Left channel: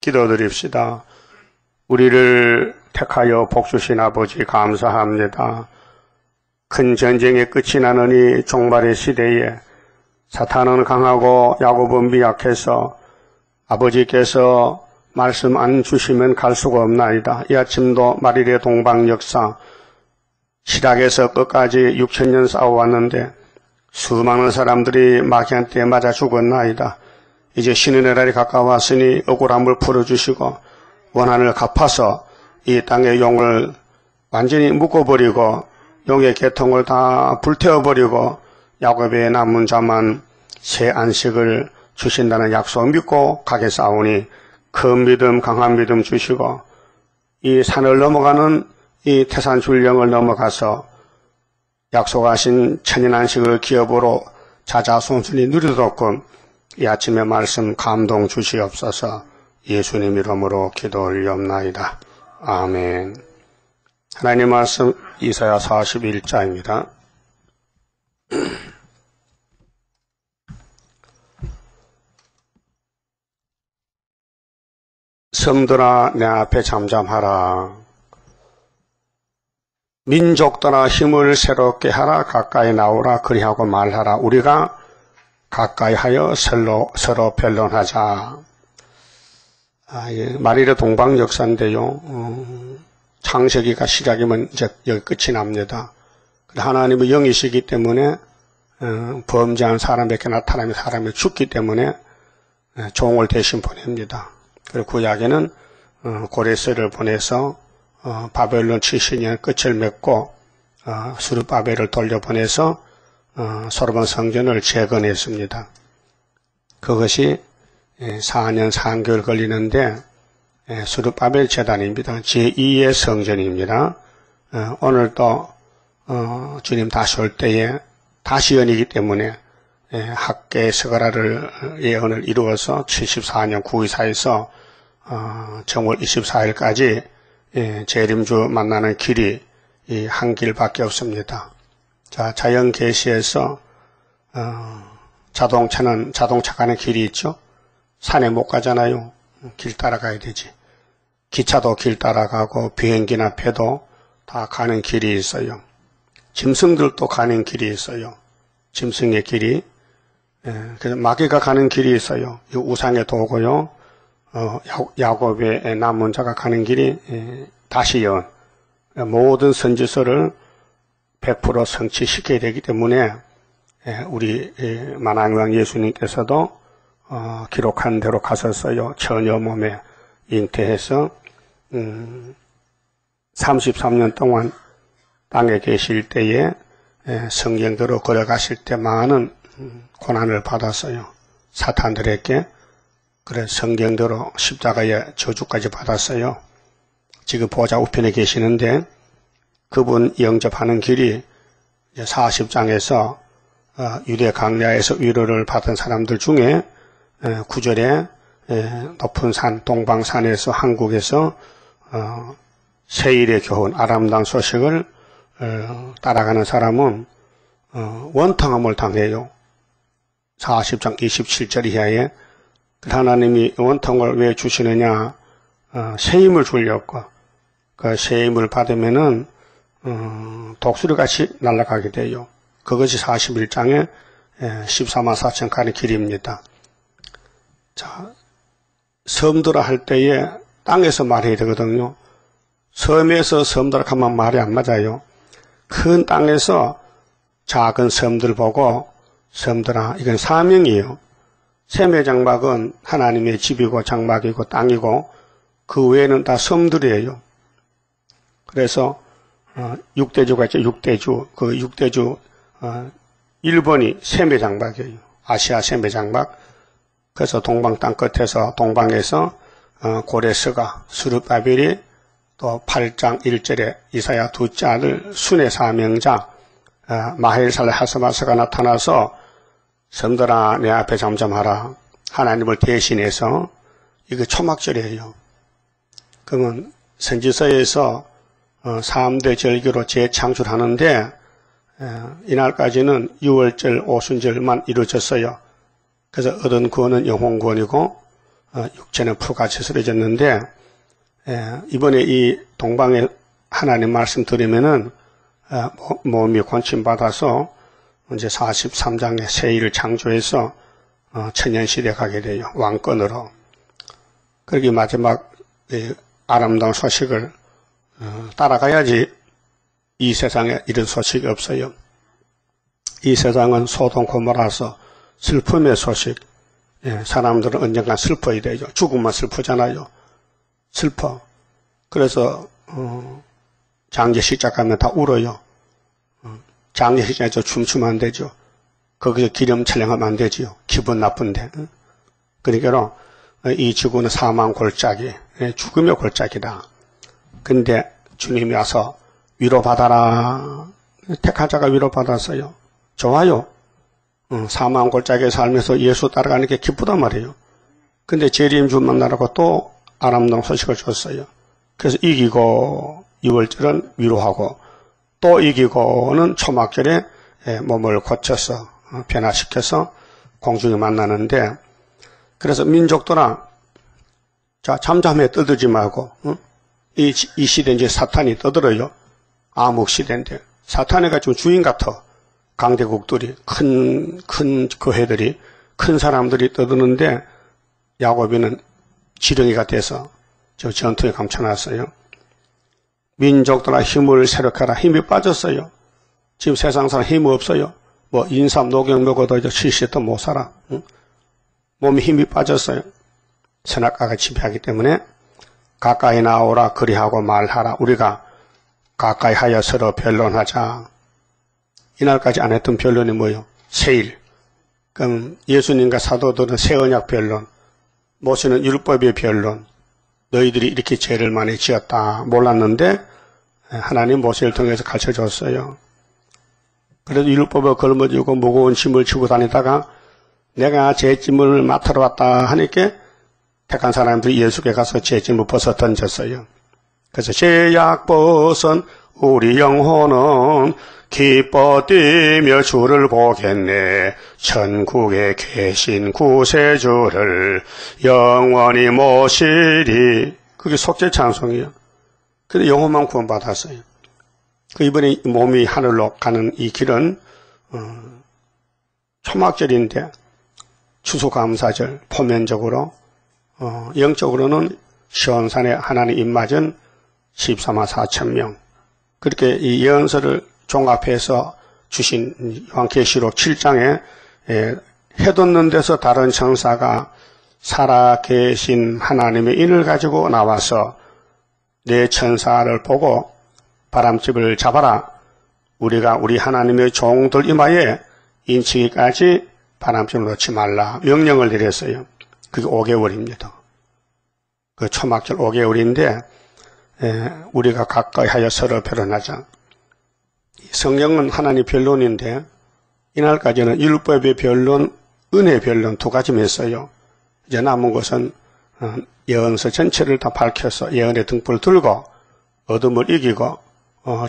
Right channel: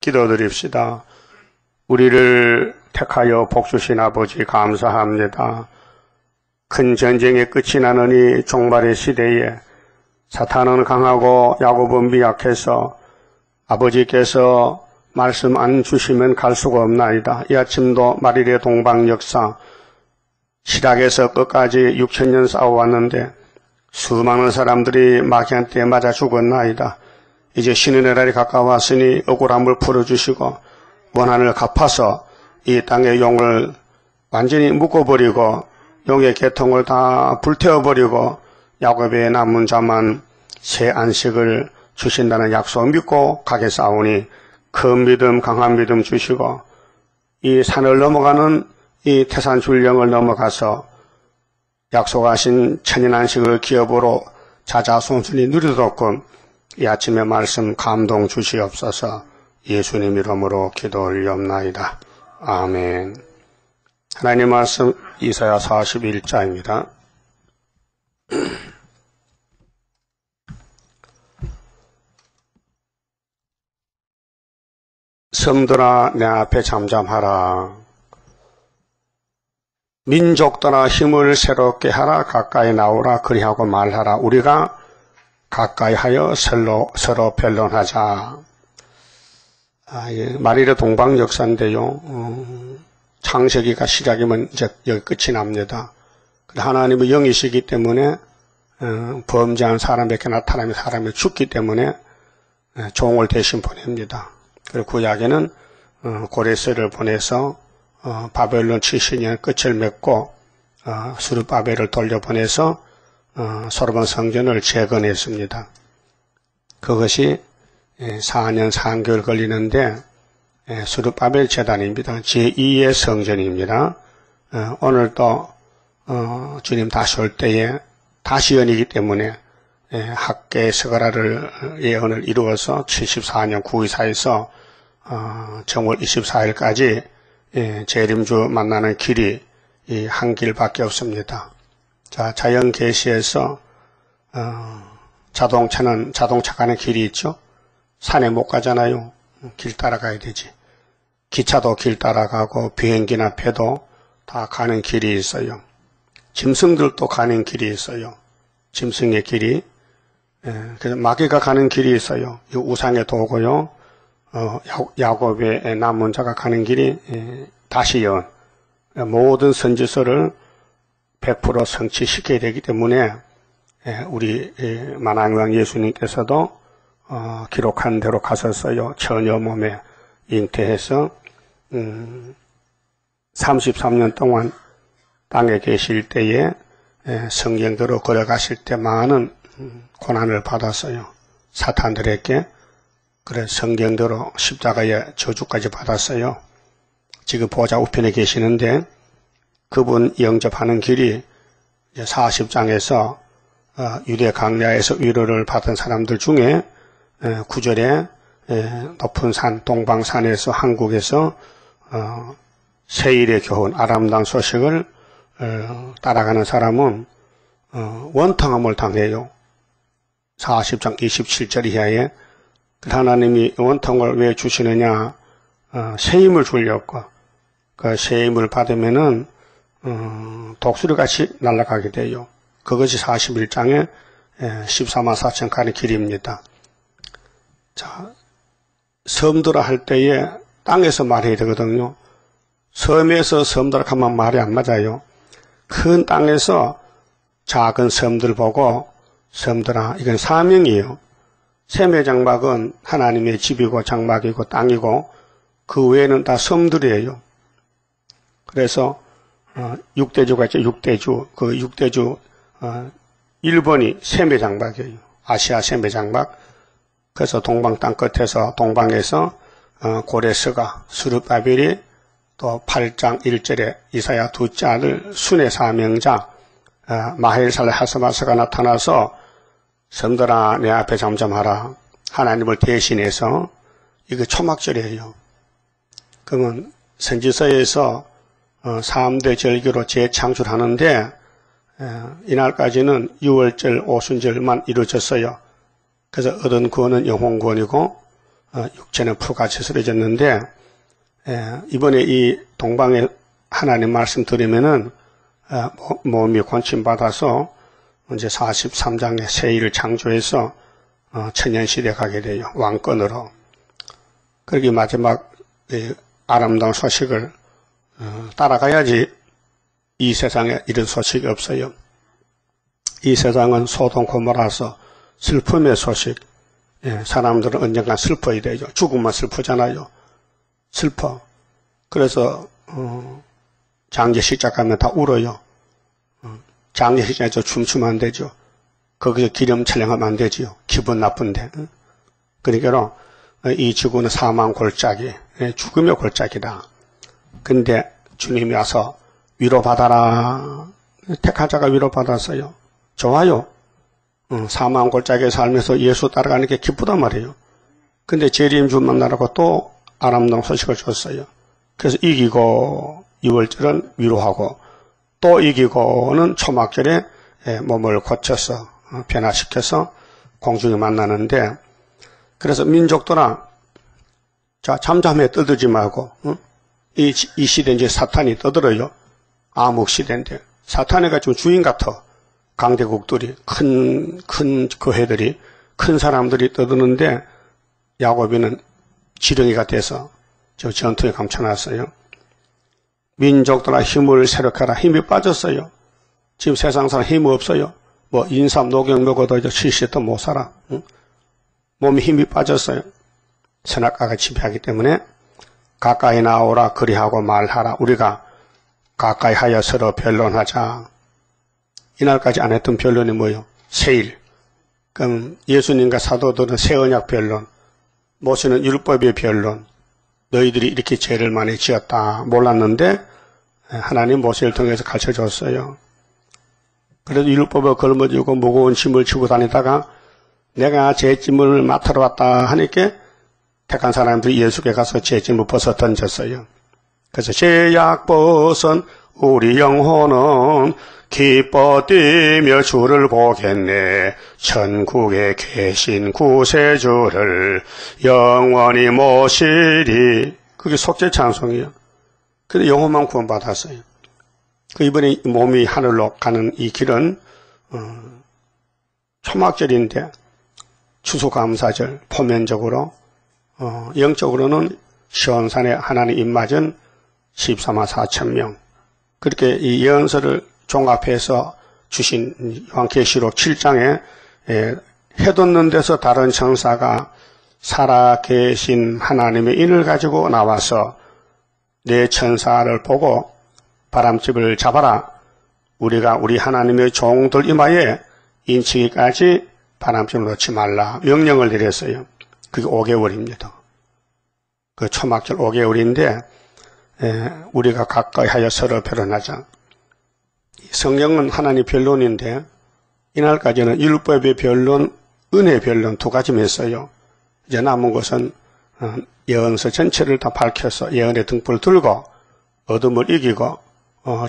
기도드립시다. 우리를 택하여 복주신 아버지 감사합니다. 큰 전쟁의 끝이 나는 이 종말의 시대에 사탄은 강하고 야곱은 미약해서 아버지께서 말씀 안 주시면 갈 수가 없나이다. 이 아침도 마리의 동방 역사 시작에서 끝까지 6,000년 싸워왔는데 수많은 사람들이 마귀한테 맞아 죽었나이다. 이제 신의 날이 가까웠으니 억울함을 풀어주시고 원한을 갚아서 이 땅의 용을 완전히 묶어버리고 용의 계통을 다 불태워버리고 야곱의 남은 자만 새 안식을 주신다는 약속 믿고 가겠사오니 큰 믿음 강한 믿음 주시고 이 산을 넘어가는 이 태산 줄령을 넘어가서 약속하신 천년 안식을 기업으로 자자손손이 누리도록 이 아침의 말씀 감동 주시옵소서. 예수님 이름으로 기도 올리옵나이다. 아멘. 하나님 말씀 이사야 41장입니다. 섬들아 내 앞에 잠잠하라. 민족들아 힘을 새롭게 하라. 가까이 나오라. 그리하고 말하라. 우리가 가까이 하여 서로 변론하자. 마리의 동방 역사인데요. 창세기가 시작이면 이제 여기 끝이 납니다. 하나님의 영이시기 때문에 범죄한 사람에게 나타나면 사람이 죽기 때문에 종을 대신 보냅니다. 그리고 구약에는 고레스를 보내서 바벨론 70년 끝을 맺고 수르바벨을 돌려보내서 솔로몬 성전을 재건했습니다. 그것이 4년 3개월 걸리는데 수르바벨 제단입니다. 제2의 성전입니다. 오늘도 주님 다시 올 때에 다시 연이기 때문에 학계 스가라를 예언을 이루어서 74년 924에서 정월 24일까지 재림주 만나는 길이 한 길밖에 없습니다. 자, 자연 계시에서 자동차 가는 길이 있죠. 산에 못 가잖아요. 길 따라가야 되지. 기차도 길 따라가고 비행기나 배도 다 가는 길이 있어요. 짐승들도 가는 길이 있어요. 짐승의 길이. 그래서 마귀가 가는 길이 있어요. 이 우상의 도고요. 야곱의 남은 자가 가는 길이 다시 연. 모든 선지서를 100% 성취시켜야 되기 때문에 우리 만왕왕 예수님께서도 기록한 대로 가셨어요. 처녀 몸에 잉태해서 33년 동안 땅에 계실 때에 성경대로 걸어가실 때 많은 고난을 받았어요. 사탄들에게. 그래 성경대로 십자가의 저주까지 받았어요. 지금 보좌 우편에 계시는데 그분 영접하는 길이 40장에서 유대 강야에서 위로를 받은 사람들 중에 9절에 높은 산 동방산에서 한국에서 세일에 겨운 아람당 소식을 따라가는 사람은 원탕함을 당해요. 40장 27절 이하에 하나님이 원통을 왜 주시느냐? 세임을 주려고. 그 세임을 받으면은 독수리같이 날아가게 돼요. 그것이 41장에 14만 4천 가는 길입니다. 자, 섬들아 할 때에 땅에서 말해야 되거든요. 섬에서 섬들아 하면 말이 안 맞아요. 큰 땅에서 작은 섬들 보고 섬들아 이건 사명이에요. 셈의 장막은 하나님의 집이고 장막이고 땅이고 그 외에는 다 섬들이에요. 그래서 6대주가 있죠. 6대주. 그 6대주 1번이 셈의 장막이에요. 아시아 셈의 장막. 그래서 동방 땅 끝에서 동방에서 고레스가 수르바벨이 또 8장 1절에 이사야 2장을 순의 사명자 마헬살 하스바스가 나타나서 섬들아 내 앞에 잠잠하라. 하나님을 대신해서 이거 초막절이에요. 그러면 선지서에서 3대 절기로 재창출하는데 이날까지는 6월절 오순절만 이루어졌어요. 그래서 얻은 구원은 영혼구원이고 육체는 푸같이 쓰러졌는데 이번에 이 동방에 하나님 말씀 들으면은 몸이 권침받아서 이제 43장의 세일을 창조해서 천년시대 가게 돼요. 왕권으로. 그렇게 마지막 아름다운 소식을 따라가야지 이 세상에 이런 소식이 없어요. 이 세상은 소동 고모라서 슬픔의 소식. 사람들은 언젠간 슬퍼야 되죠. 죽으면 슬프잖아요. 슬퍼. 그래서 장례식장 가면 다 울어요. 장례식장에서 춤추면 안 되죠. 거기에 기름 촬영하면 안 되지요. 기분 나쁜데. 그러니까 이 지구는 사망 골짜기, 죽음의 골짜기다. 근데 주님이 와서 위로받아라. 택한 자가 위로받았어요. 좋아요. 사망 골짜기에 살면서 예수 따라가는 게 기쁘단 말이에요. 근데 재림주 만나라고 또 아름다운 소식을 줬어요. 그래서 이기고 6월절은 위로하고 또 이기고는 초막절에 몸을 고쳐서 변화시켜서 공중에 만나는데 그래서 민족들아 자 잠잠해 떠들지 말고 이 시대 이제 사탄이 떠들어요. 암흑시대인데 사탄이 가지고 주인 같아. 강대국들이 큰 교회들이 큰 사람들이 떠드는데 야곱이는 지렁이가 돼서 저 전투에 감춰놨어요. 민족들아 힘을 새롭게 하라. 힘이 빠졌어요. 지금 세상 사람 힘이 없어요. 뭐 인삼 녹용 먹어도 이제 70도 못 살아. 몸에 힘이 빠졌어요. 선악과가 지배하기 때문에 가까이 나오라 그리하고 말하라. 우리가 가까이 하여 서로 변론하자. 이날까지 안 했던 변론이 뭐예요? 세일. 그럼 예수님과 사도들은 새 언약 변론, 모세는 율법의 변론. 너희들이 이렇게 죄를 많이 지었다 몰랐는데 하나님 모세를 통해서 가르쳐줬어요. 그래도 율법을 걸머쥐고 무거운 짐을 지고 다니다가 내가 죄짐을 맡으러 왔다 하니까 택한 사람들이 예수께 가서 죄짐을 벗어 던졌어요. 그래서 죄악 벗은 우리 영혼은 기뻐 뛰며 주를 보겠네. 천국에 계신 구세주를 영원히 모시리. 그게 속죄 찬송이에요. 근데 영혼만 구원받았어요. 이번에 몸이 하늘로 가는 이 길은 초막절인데 추수감사절 표면적으로 영적으로는 시온산에 하나님 입맞은 14만 4천 명. 그렇게 이 예언서를 종합해서 주신 요한계시록 7장에 해돋는 데서 다른 천사가 살아계신 하나님의 인을 가지고 나와서 내 천사를 보고 바람집을 잡아라. 우리가 우리 하나님의 종들 이마에 인치기까지 바람집 놓지 말라. 명령을 내렸어요. 그게 5개월입니다. 그 초막절 5개월인데 우리가 가까이 하여 서로 변론하자. 성경은 하나님의 변론인데 이날까지는 율법의 변론, 은혜의 변론 두 가지만 했어요. 이제 남은 것은 예언서 전체를 다 밝혀서 예언의 등불을 들고 어둠을 이기고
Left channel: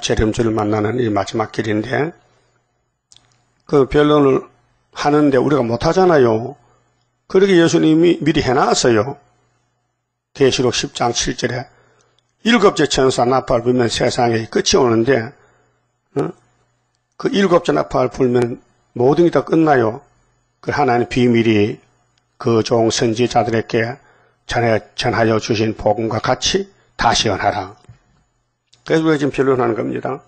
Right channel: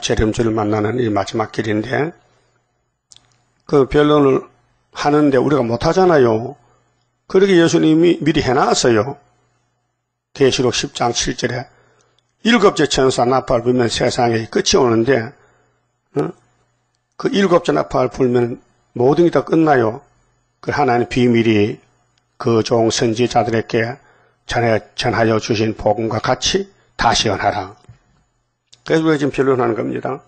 재림주를 만나는 이 마지막 길인데 그 변론을 하는데 우리가 못하잖아요. 그러게 예수님이 미리 해놨어요. 계시록 10장 7절에 7째 천사 나팔 불면 세상에 끝이 오는데 그 7째 나팔 불면 모든 게 다 끝나요. 그 하나님 비밀이 그 종 선지자들에게 전하여 주신 복음과 같이 다시 연하라. 그래서 우리가 지금 변론하는 겁니다.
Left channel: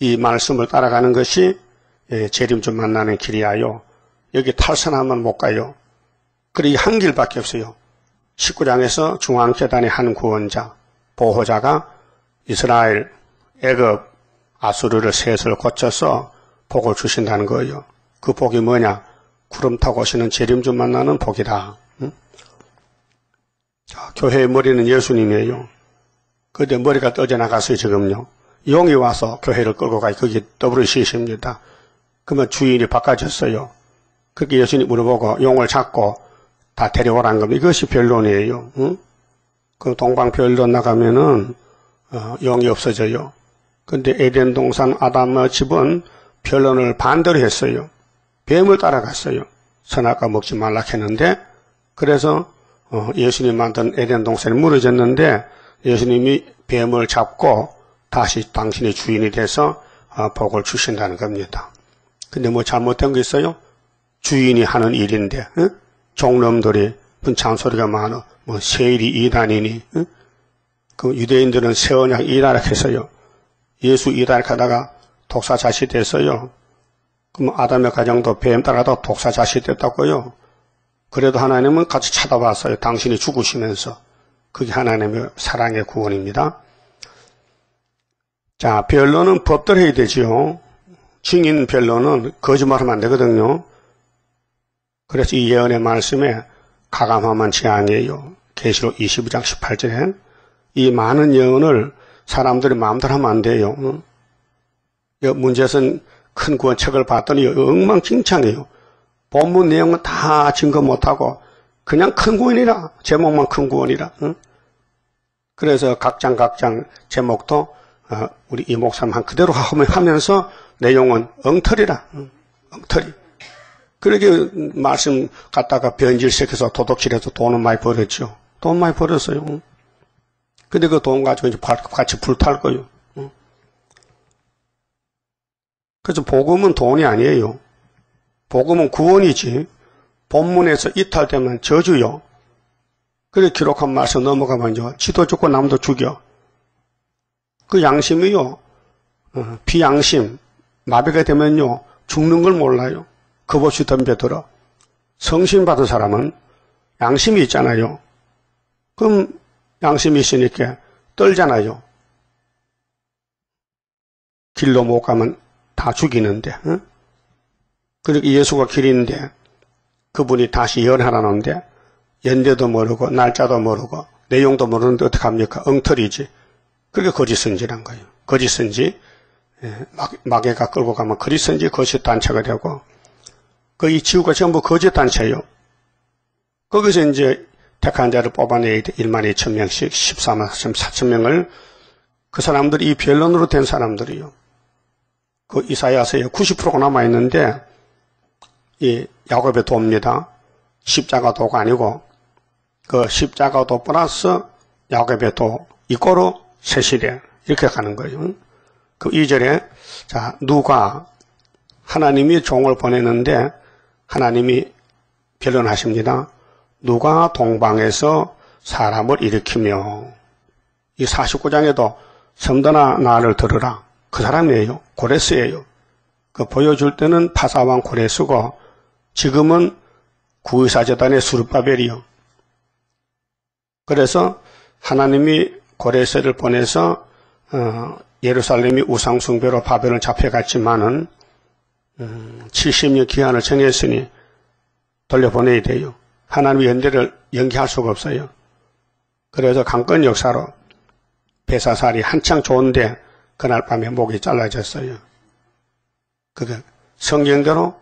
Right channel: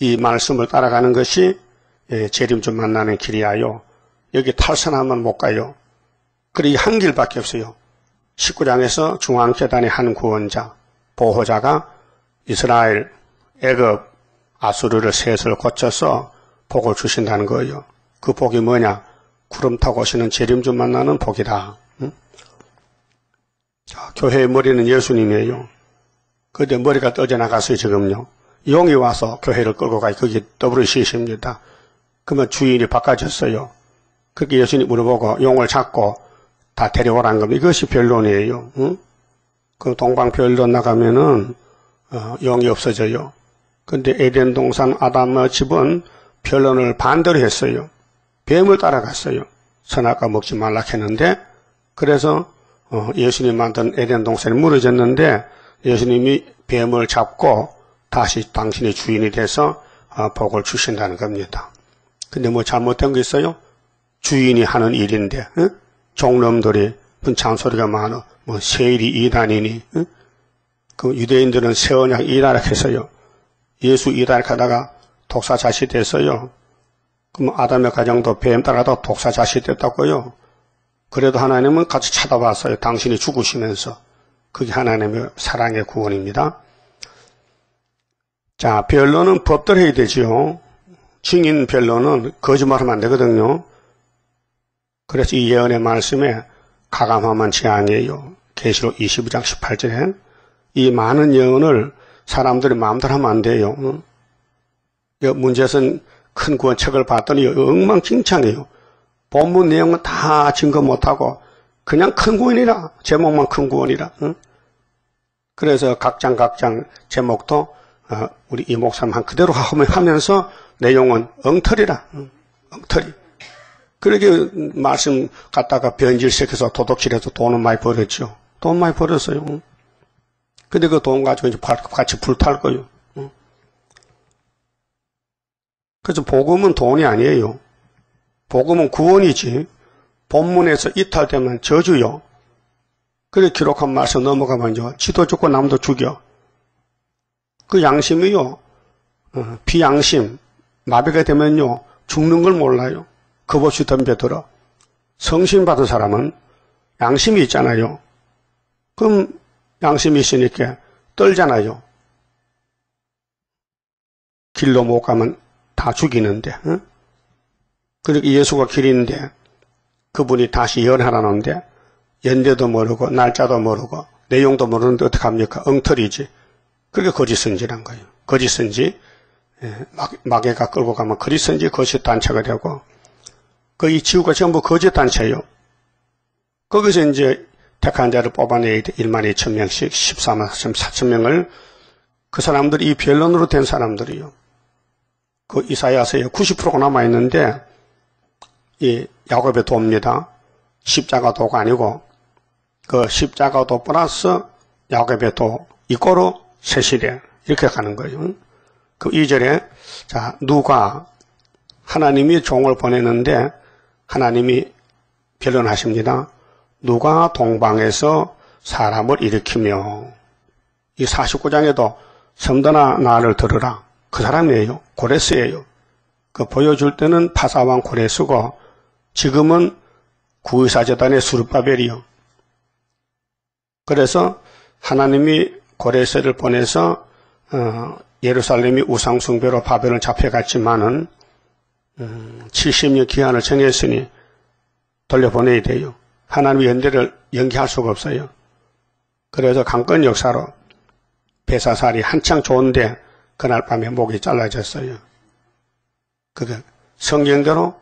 이 말씀을 따라가는 것이 재림주 만나는 길이하여 여기 탈선하면 못 가요. 그리고 한 길밖에 없어요. 19장에서 중앙재단의 한 구원자, 보호자가 이스라엘, 애굽, 아수르를 셋을 고쳐서 복을 주신다는 거예요. 그 복이 뭐냐? 구름 타고 오시는 재림주 만나는 복이다. 자, 교회의 머리는 예수님이에요. 그런데 머리가 떠져나갔어요, 지금요. 용이 와서 교회를 끌고 가요. 그게 WCC입니다. 그러면 주인이 바꿔졌어요. 그렇게 예수님 물어보고 용을 잡고 다 데려오라는 겁니다. 이것이 변론이에요. 그 동방 변론 나가면은 용이 없어져요. 근데 에덴 동산 아담의 집은 변론을 반대로 했어요. 뱀을 따라갔어요. 선악과 먹지 말라 했는데 그래서 예수님 만든 에덴 동산이 무너졌는데 예수님이 뱀을 잡고 다시 당신의 주인이 돼서 복을 주신다는 겁니다. 근데 뭐 잘못된 게 있어요? 주인이 하는 일인데 종놈들이 분창 소리가 많아. 뭐 세일이 이단이니 그 유대인들은 새 언약 이단학해서요. 예수 이단학하다가 독사 자시됐어요. 그럼 아담의 가정도 뱀 따라도 독사 자시됐다고요. 그래도 하나님은 같이 찾아봤어요. 당신이 죽으시면서. 그게 하나님의 사랑의 구원입니다. 자, 변론은 법대로 해야 되지요. 증인 변론은 거짓말하면 안 되거든요. 그래서 이 예언의 말씀에 가감하면 재앙이에요. 계시록 22장 18절에 이 많은 예언을 사람들이 마음대로 하면 안 돼요. 문제는 큰 구원책을 봤더니 엉망진창이에요. 본문 내용은 다 증거 못하고 그냥 큰 구원이라 제목만 큰 구원이라. 그래서 각장 제목도 우리 이 목사님 한 그대로 하면서 내용은 엉터리라. 엉터리. 그렇게 말씀 갖다가 변질시켜서 도둑질해서 돈을 많이 벌었죠. 돈 많이 벌었어요. 근데 그 돈 가지고 이제 같이 불탈 거예요. 그래서 복음은 돈이 아니에요. 복음은 구원이지. 본문에서 이탈되면 저주요. 그래 기록한 말씀 넘어가면요. 지도 죽고 남도 죽여. 그 양심이요. 비양심. 마비가 되면요. 죽는 걸 몰라요. 겁없이 덤벼들어. 성신 받은 사람은 양심이 있잖아요. 그럼 양심이 있으니까 떨잖아요. 길로 못 가면 다 죽이는데. 그리고 예수가 길인데 그분이 다시 예언하라는데 연대도 모르고 날짜도 모르고 내용도 모르는데 어떡합니까? 엉터리지. 그게 거짓선지란 거예요. 거짓선지. 마귀가 끌고 가면 거짓선지 거짓단체가 되고 이 지구가 전부 거짓단체예요. 거기서 이제 택한 자를 뽑아내야 돼. 1만 2천 명씩 14만 4천 명을 그 사람들이 이 변론으로 된 사람들이요. 그 이사야서에 90%가 남아있는데 이 야곱의 도입니다. 십자가 도가 아니고 그 십자가 도 플러스 야곱의 도 이거로 새 시대 이렇게 가는 거예요. 그 2절에 자 누가 하나님이 종을 보내는데 하나님이 변론하십니다. 누가 동방에서 사람을 일으키며 이 49장에도 섬더나 나를 들으라. 그 사람이에요. 고레스예요. 그 보여줄 때는 파사왕 고레스고 지금은 구의사재단의 수르바벨이요. 그래서 하나님이 고레스를 보내서 예루살렘이 우상숭배로 바벨론 잡혀갔지만은 70년 기한을 정했으니 돌려보내야 돼요. 하나님의 연대를 연기할 수가 없어요. 그래서 강권 역사로 베사살이 한창 좋은데 그날 밤에 목이 잘라졌어요. 그게 성경대로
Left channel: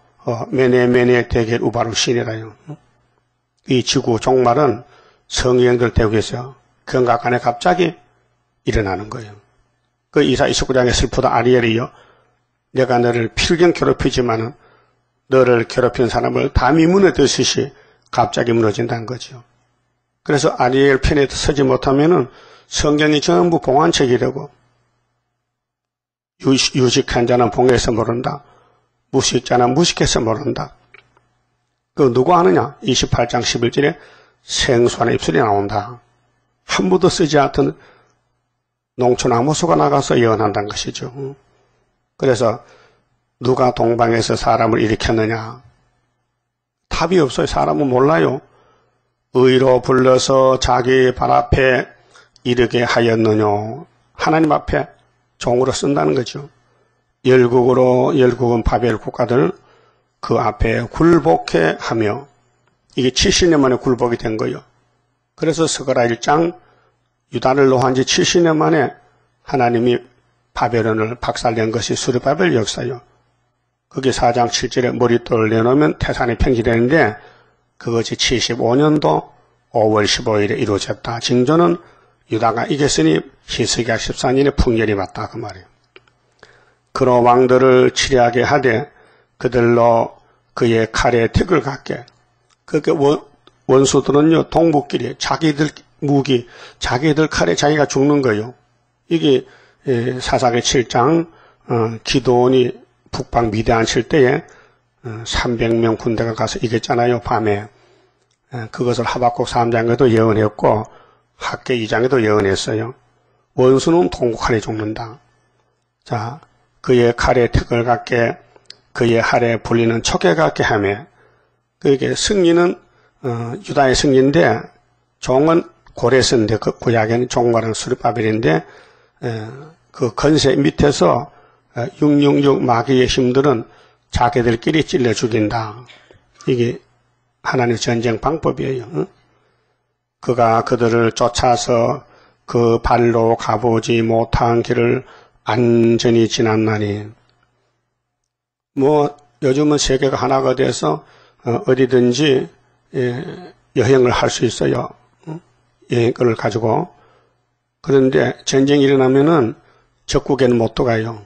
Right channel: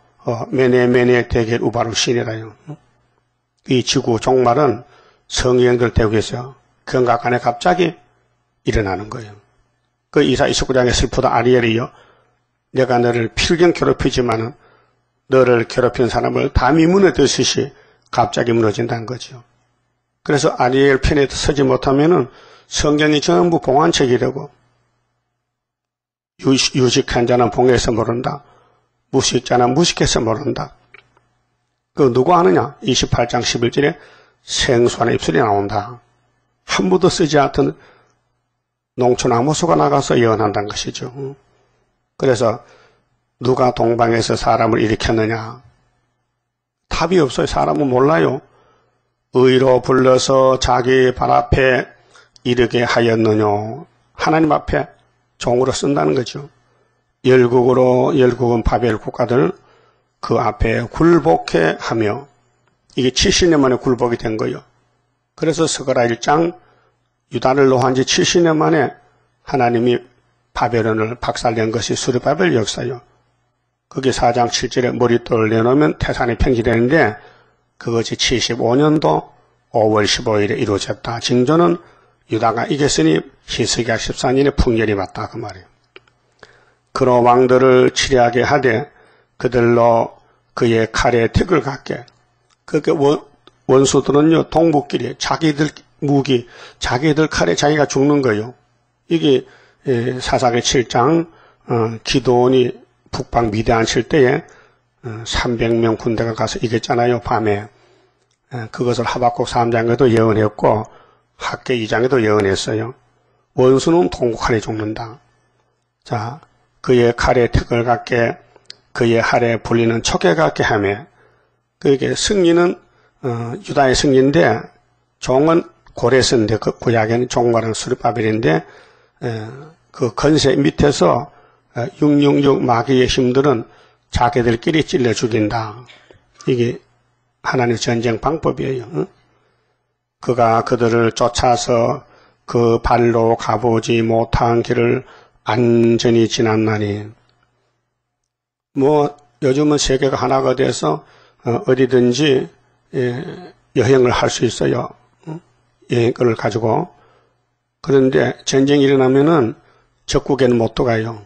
메네 대겔 우바루 신이라요. 이 지구 종말은 성령들 대국에서 경각 안에 갑자기 일어나는 거예요. 그 이사 29장의 슬프다 아리엘이요. 내가 너를 필경 괴롭히지만 너를 괴롭힌 사람을 담이 무너뜨듯이 갑자기 무너진다는 거죠. 그래서 아리엘 편에 서지 못하면은 성경이 전부 봉안책이 되고 유식한 자는 봉해서 모른다. 무식자는 무식해서 모른다. 그 누구 아느냐? 28장 11절에 생수안의 입술이 나온다. 한 번도 쓰지 않던 농촌 아무소가 나가서 예언한다는 것이죠. 그래서 누가 동방에서 사람을 일으켰느냐? 답이 없어요. 사람은 몰라요. 의로 불러서 자기 발 앞에 이르게 하였느냐? 하나님 앞에 종으로 쓴다는 거죠. 열국은 바벨 국가들 그 앞에 굴복해 하며 이게 70년 만에 굴복이 된 거예요. 그래서 스가랴 1장 유다를 놓은 지 70년 만에 하나님이 바벨론을 박살낸 것이 스룹바벨 역사요. 그게 4장 7절에 머릿돌을 내놓으면 태산이 평지되는데 그것이 75년도 5월 15일에 이루어졌다. 징조는 유다가 이겼으니 히스기야 14년에 풍년이 왔다 그 말이에요. 그로 왕들을 치리하게 하되 그들로 그의 칼에 택을 갖게. 그게 원수들은요, 동북끼리 자기들 무기, 자기들 칼에 자기가 죽는 거예요. 이게 사사기 7장 기드온이 북방 미디안 칠 때에 300명 군대가 가서 이겼잖아요, 밤에. 그것을 하박국 3장에도 예언했고 학계 2장에도 예언했어요. 원수는 동북칼에 죽는다. 자, 그의 칼에 턱을 갖게, 그의 할에 불리는 척에 갖게 하며, 그에게 승리는 유다의 승리인데 종은 고레스인데 그 구약에는 종말은 수르바벨인데 그 건세 밑에서 666 마귀의 힘들은 자기들끼리 찔러 죽인다. 이게 하나님의 전쟁 방법이에요. 그가 그들을 쫓아서 그 발로 가보지 못한 길을 안전히 지났나니. 뭐 요즘은 세계가 하나가 돼서 어디든지 여행을 할 수 있어요. 여행권을 가지고. 그런데 전쟁이 일어나면은 적국에는 못 들어가요.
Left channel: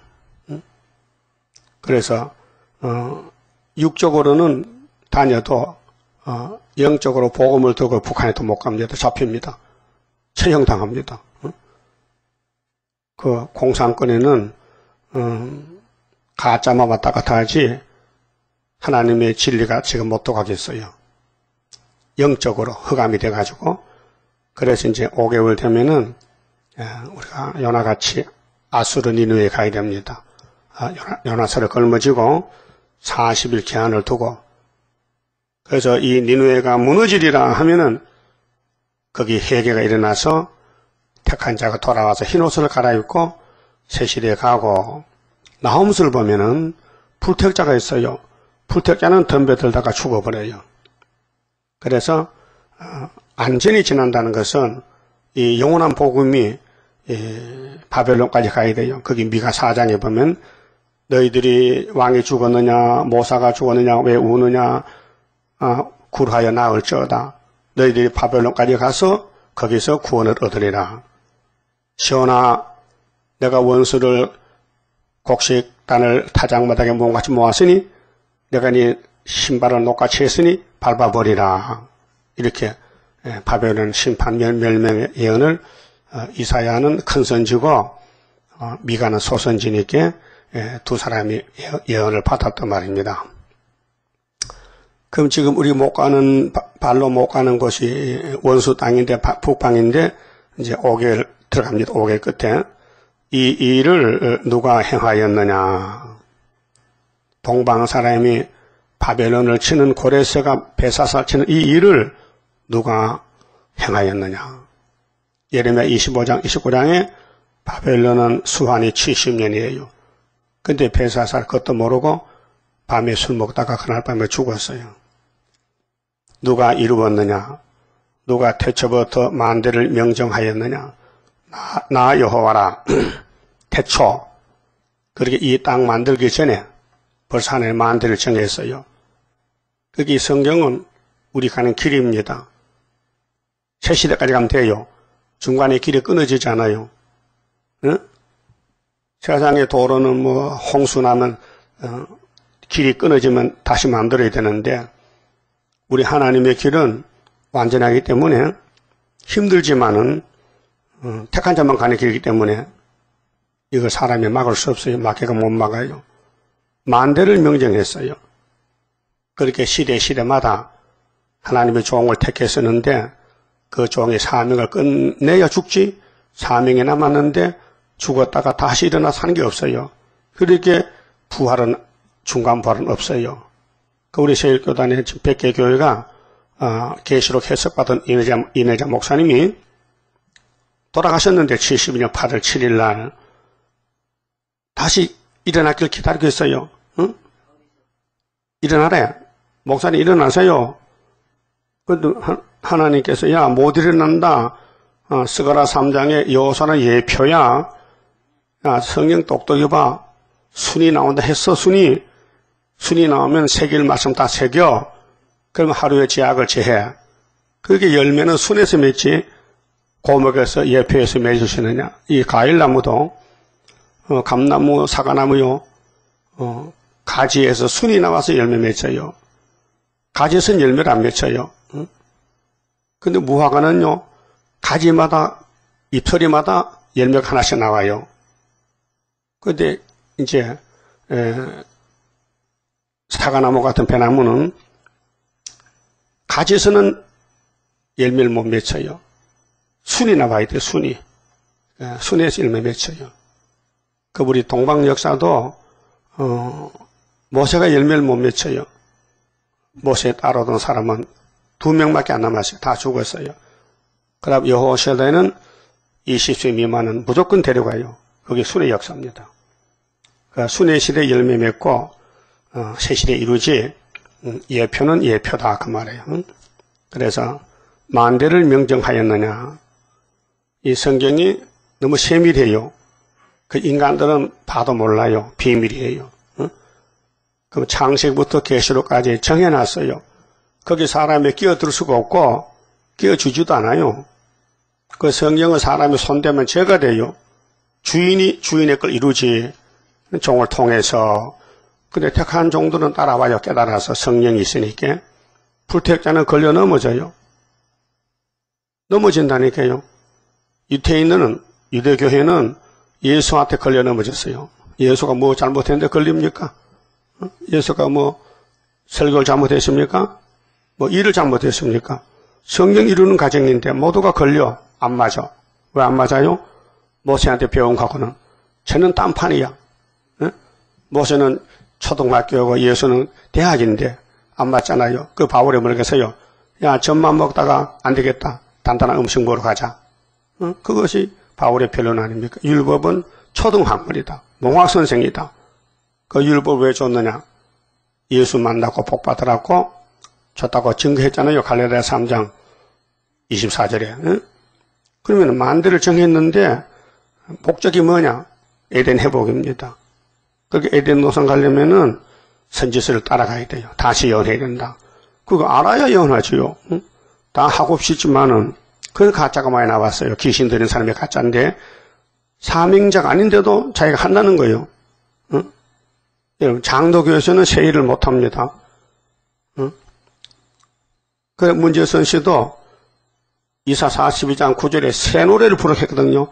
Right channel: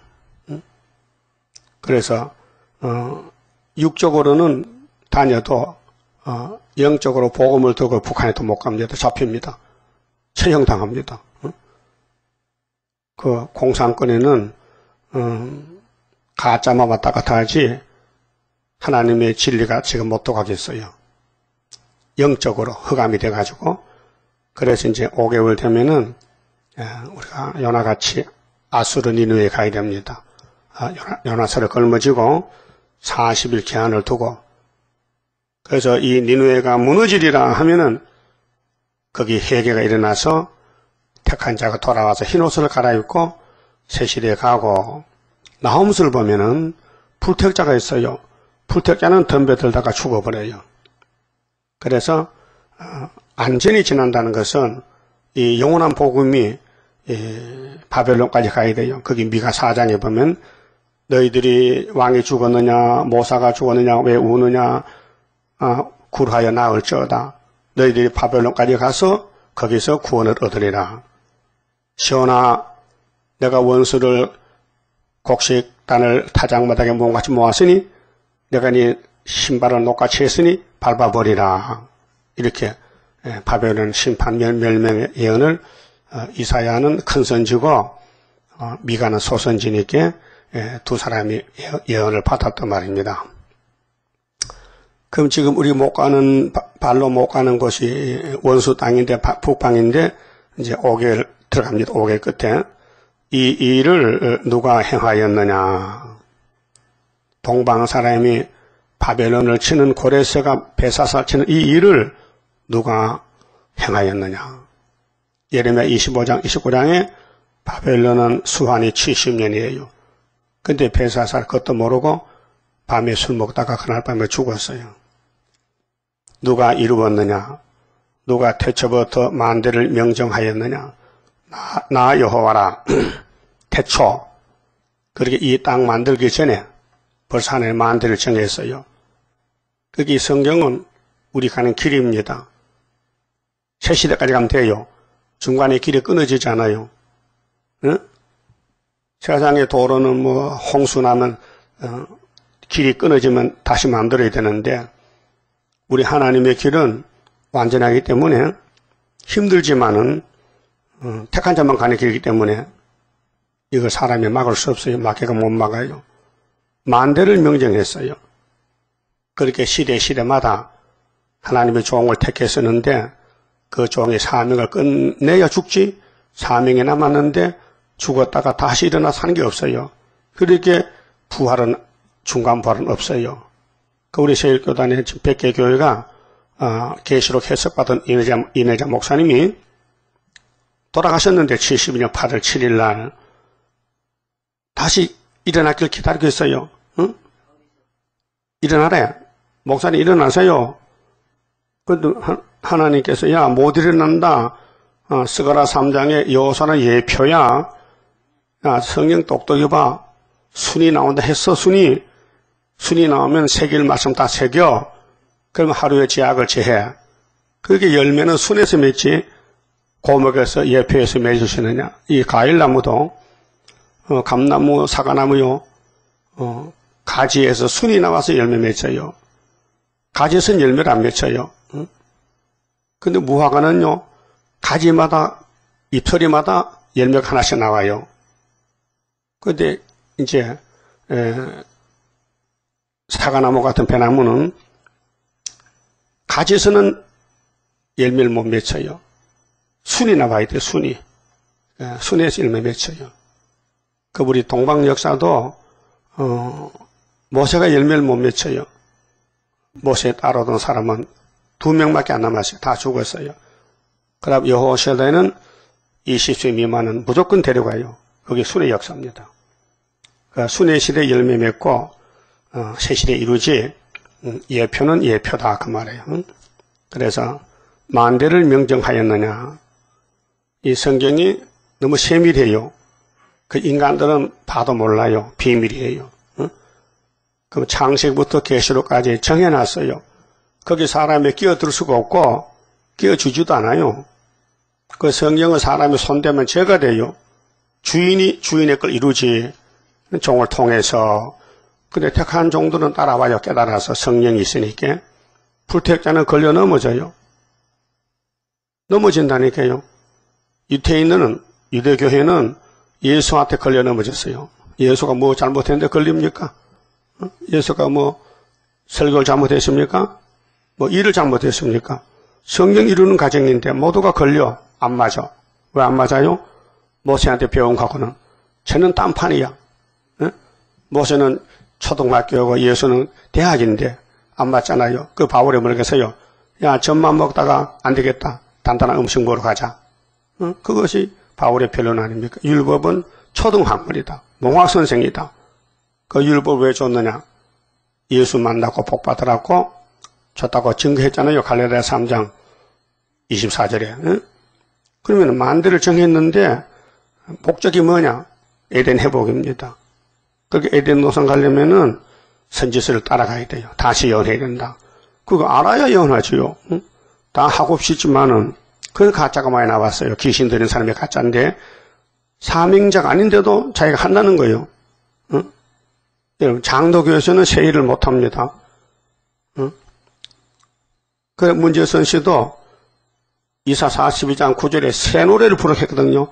그래서 육적으로는 다녀도 영적으로 복음을 들고 북한에도 못 갑니다. 잡힙니다. 처형당합니다. 그 공산권에는 가짜만 왔다 갔다 하지 하나님의 진리가 지금 못 들어가겠어요. 영적으로 흑암이 돼가지고. 그래서 이제 5개월 되면은 우리가 요나같이 아수르 니느웨에 가야 됩니다. 요나서를 걸머지고 40일 기한을 두고. 그래서 이 니느웨가 무너지리라 하면은 거기 회개가 일어나서 택한 자가 돌아와서 흰옷을 갈아입고 새시대에 가고. 나홈스를 보면은 불택자가 있어요. 불택자는 덤벼들다가 죽어버려요. 그래서 안전히 지난다는 것은 이 영원한 복음이 바벨론까지 가야 돼요. 거기 미가 4장에 보면 너희들이 왕이 죽었느냐 모사가 죽었느냐 왜 우느냐 굴하여 나을지어다. 너희들이 바벨론까지 가서 거기서 구원을 얻으리라. 시온아 내가 원수를 곡식단을 타작마당에 몸같이 모았으니 내가 네 신발을 녹같이 했으니 밟아버리라. 이렇게 바벨론 심판 멸망의 예언을 이사야는 큰선지고 미가는 소선지니까 두 사람이 예언을 받았단 말입니다. 그럼 지금 우리 못 가는 발로 못 가는 곳이 원수 땅인데 북방인데 이제 5개월 들어갑니다. 5개월 끝에 이 일을 누가 행하였느냐? 동방 사람이 바벨론을 치는 고레스가 베사사 치는 이 일을 누가 행하였느냐? 예레미야 25장, 29장에 바벨론은 수환이 70년이에요. 근데 베사사 그것도 모르고 밤에 술 먹다가 그날 밤에 죽었어요. 누가 이루었느냐? 누가 태초부터 만대를 명정하였느냐? 나 여호와라. 태초. 그렇게 이 땅 만들기 전에 벌써 하나의 만대를 정했어요. 그게 성경은 우리 가는 길입니다. 새 시대까지 가면 돼요. 중간에 길이 끊어지지 않아요. 응? 세상의 도로는 뭐 홍수 나면 길이 끊어지면 다시 만들어야 되는데 우리 하나님의 길은 완전하기 때문에 힘들지만은 택한 자만 가는 길이기 때문에 이걸 사람이 막을 수 없어요. 마귀가 못 막아요. 만대를 명정했어요. 그렇게 시대마다 하나님의 종을 택했었는데 그 종의 사명을 끝내야 죽지 사명에 남았는데 죽었다가 다시 일어나 사는 게 없어요. 그렇게 부활은 중간 부활은 없어요. 그 우리 세일교단의 100개 교회가 계시록 해석받은 이내자 목사님이 돌아가셨는데 72년 8월 7일 날 다시 일어나길 기다리고 있어요. 응? 일어나래. 목사님 일어나세요. 근데 하나님께서 야 못 일어난다. 스가랴 3장의 여호수아는 예표야. 야 성경 똑똑히 봐. 순이 나온다 했어. 순이 나오면 새길 말씀 다 새겨. 그러면 하루에 제약을 제해. 그게 열매는 순에서 맺지 고목에서 예표에서 맺으시느냐. 이 과일나무도 감나무, 사과나무요. 가지에서 순이 나와서 열매 맺어요. 가지에서는 열매를 안 맺어요. 근데 무화과는요, 가지마다, 잎사리마다 열매가 하나씩 나와요. 근데 이제 사과나무 같은 배나무는 가지에서는 열매를 못 맺혀요. 순이 나와야 돼, 순이. 순에서 열매 맺혀요. 그 우리 동방 역사도 모세가 열매를 못 맺혀요. 모세에 따라오던 사람은 2명밖에 안 남았어요. 다 죽었어요. 그럼 여호수아에는 20세 미만은 무조건 데려가요. 그게 순의 역사입니다. 순의 시대 열매 맺고 새 시대 이루지 예표는 예표다 그 말이에요. 그래서 만대를 명정하였느냐. 이 성경이 너무 세밀해요. 그 인간들은 봐도 몰라요. 비밀이에요. 그 창세기부터 계시록까지 정해놨어요. 거기 사람이 끼어들 수가 없고 끼어주지도 않아요. 그 성경은 사람이 손대면 죄가 돼요. 주인이 주인의 걸 이루지. 종을 통해서. 근데 택한 종들은 따라와요. 깨달아서 성령이 있으니까. 불택자는 걸려 넘어져요. 넘어진다니까요. 유태인은, 유대교회는 예수한테 걸려 넘어졌어요. 예수가 뭐 잘못했는데 걸립니까? 예수가 뭐 설교를 잘못했습니까? 뭐 일을 잘못했습니까? 성경 이루는 과정인데 모두가 걸려. 안 맞아. 왜 안 맞아요? 모세한테 배운 거하고는. 쟤는 딴판이야. 응? 모세는 초등학교고 예수는 대학인데 안 맞잖아요. 그 바울이 뭐라겠어요? 야, 젖만 먹다가 안 되겠다. 단단한 음식 먹으러 가자. 응? 그것이 바울의 변론 아닙니까? 율법은 초등학문이다. 농학선생이다. 그 율법 왜 줬느냐? 예수 만나고 복 받으라고 줬다고 증거했잖아요. 갈라디아 3장 24절에. 응? 그러면 만대를 정했는데 목적이 뭐냐? 에덴 회복입니다. 그렇게 에덴 노상 가려면은 선지서를 따라가야 돼요. 다시 예언해야 된다. 그거 알아야 예언하지요. 응? 다 하고 싶지만은 그 가짜가 많이 나왔어요. 귀신 들은 사람이 가짜인데 사명자가 아닌데도 자기가 한다는 거예요. 응? 여러분 장로교에서는 세일을 못합니다. 응? 그 문재선 씨도 이사 42장 9절에 새 노래를 부르겠거든요.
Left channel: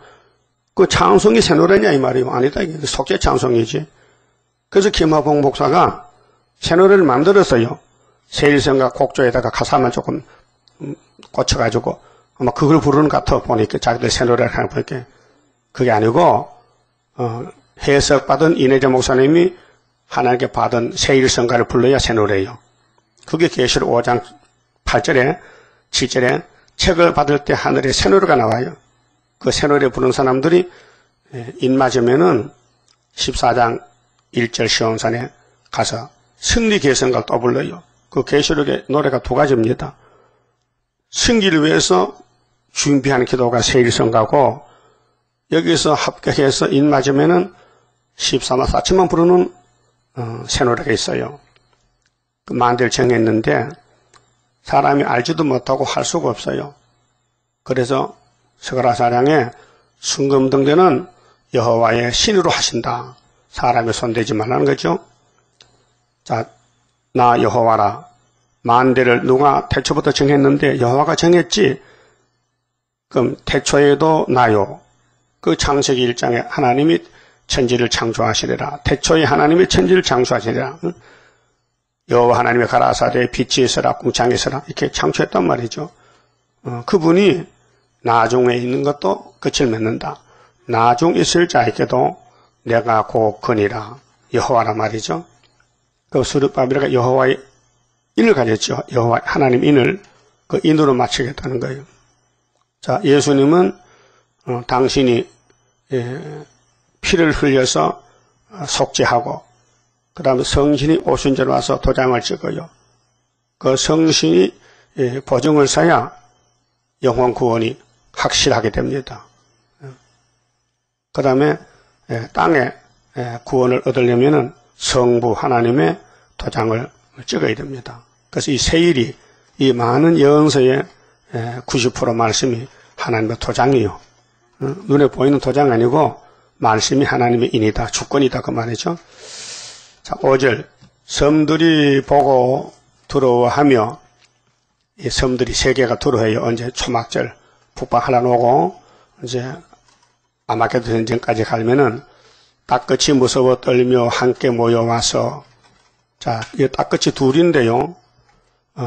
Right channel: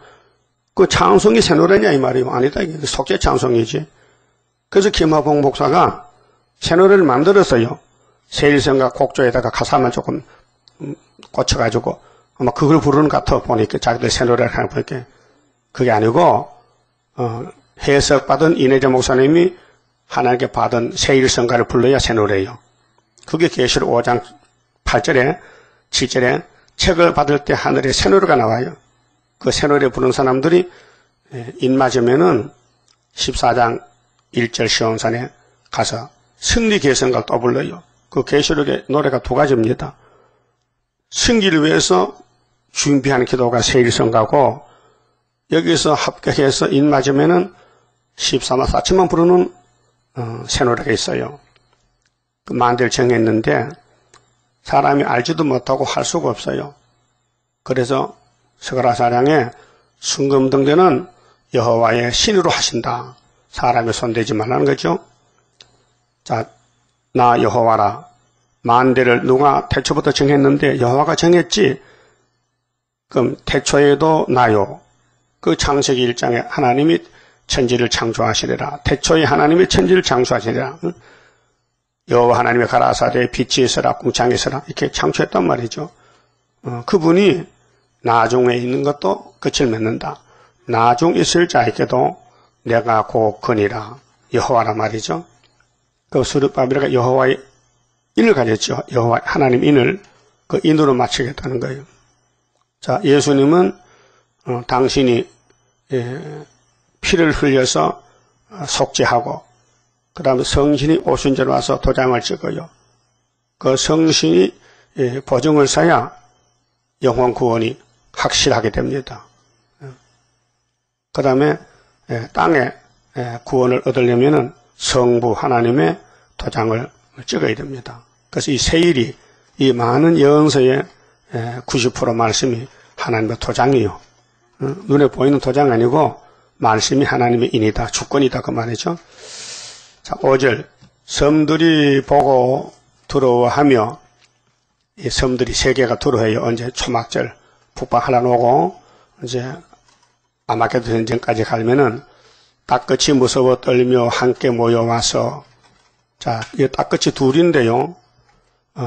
그 찬송이 새 노래냐 이 말이에요. 아니다. 이게 속죄 찬송이지. 그래서 김하봉 목사가 새 노래를 만들었어요. 세일성과 곡조에다가 가사만 조금 고쳐가지고 아마 그걸 부르는 것 같아 보니까 자기들 새 노래를 하는 보니까 그게 아니고 해석받은 이내재 목사님이 하나님께 받은 세일성가를 불러야 새 노래예요. 그게 계시록 5장 8절에 7절에 책을 받을 때 하늘에 새 노래가 나와요. 그 새 노래 부르는 사람들이 입 맞으면은 14장 1절 시온산에 가서 승리 계성가 또 불러요. 그 계시록의 노래가 2가지입니다. 승리를 위해서 준비하는 기도가 세일성가고 여기서 합격해서 입 맞으면은 14나 4천만 부르는 새 노래가 있어요. 그 만대를 정했는데 사람이 알지도 못하고 할 수가 없어요. 그래서 스가랴사량에 순금등대는 여호와의 신으로 하신다. 사람이 손대지 말라는 거죠. 자, 나 여호와라. 만대를 누가 태초부터 정했는데 여호와가 정했지. 그럼 태초에도 나요. 그 창세기 1장에 하나님이 천지를 창조하시리라. 태초에 하나님이 천지를 창조하시리라. 여호와 하나님의 가라사대 빛이 있으라 궁창이 있으라 이렇게 창조했단 말이죠. 그분이 나중에 있는 것도 끝을 맺는다. 나중 있을 자에게도 내가 곧 거니라. 여호와라 말이죠. 또 스룹바벨이 여호와의 인을 가졌죠. 여호와 하나님 인을 그 인으로 맞추겠다는 거예요. 자, 예수님은 당신이 피를 흘려서 속죄하고 그 다음에 성신이 오순절 와서 도장을 찍어요. 그 성신이 보증을 써야 영혼 구원이 확실하게 됩니다. 그 다음에 땅에 구원을 얻으려면 성부 하나님의 도장을 찍어야 됩니다. 그래서 이 세일이 이 많은 예언서의 90% 말씀이 하나님의 도장이에요. 눈에 보이는 도장 아니고 말씀이 하나님의 인이다, 주권이다 그 말이죠. 자, 5절 섬들이 보고 두려워하며 이 섬들이 세 개가 들어와요. 언제 초막절 북방하려 놓고 이제 아마게도 전쟁까지 가면은 땅끝이 무서워 떨며 함께 모여와서 자, 이 땅끝이 둘인데요.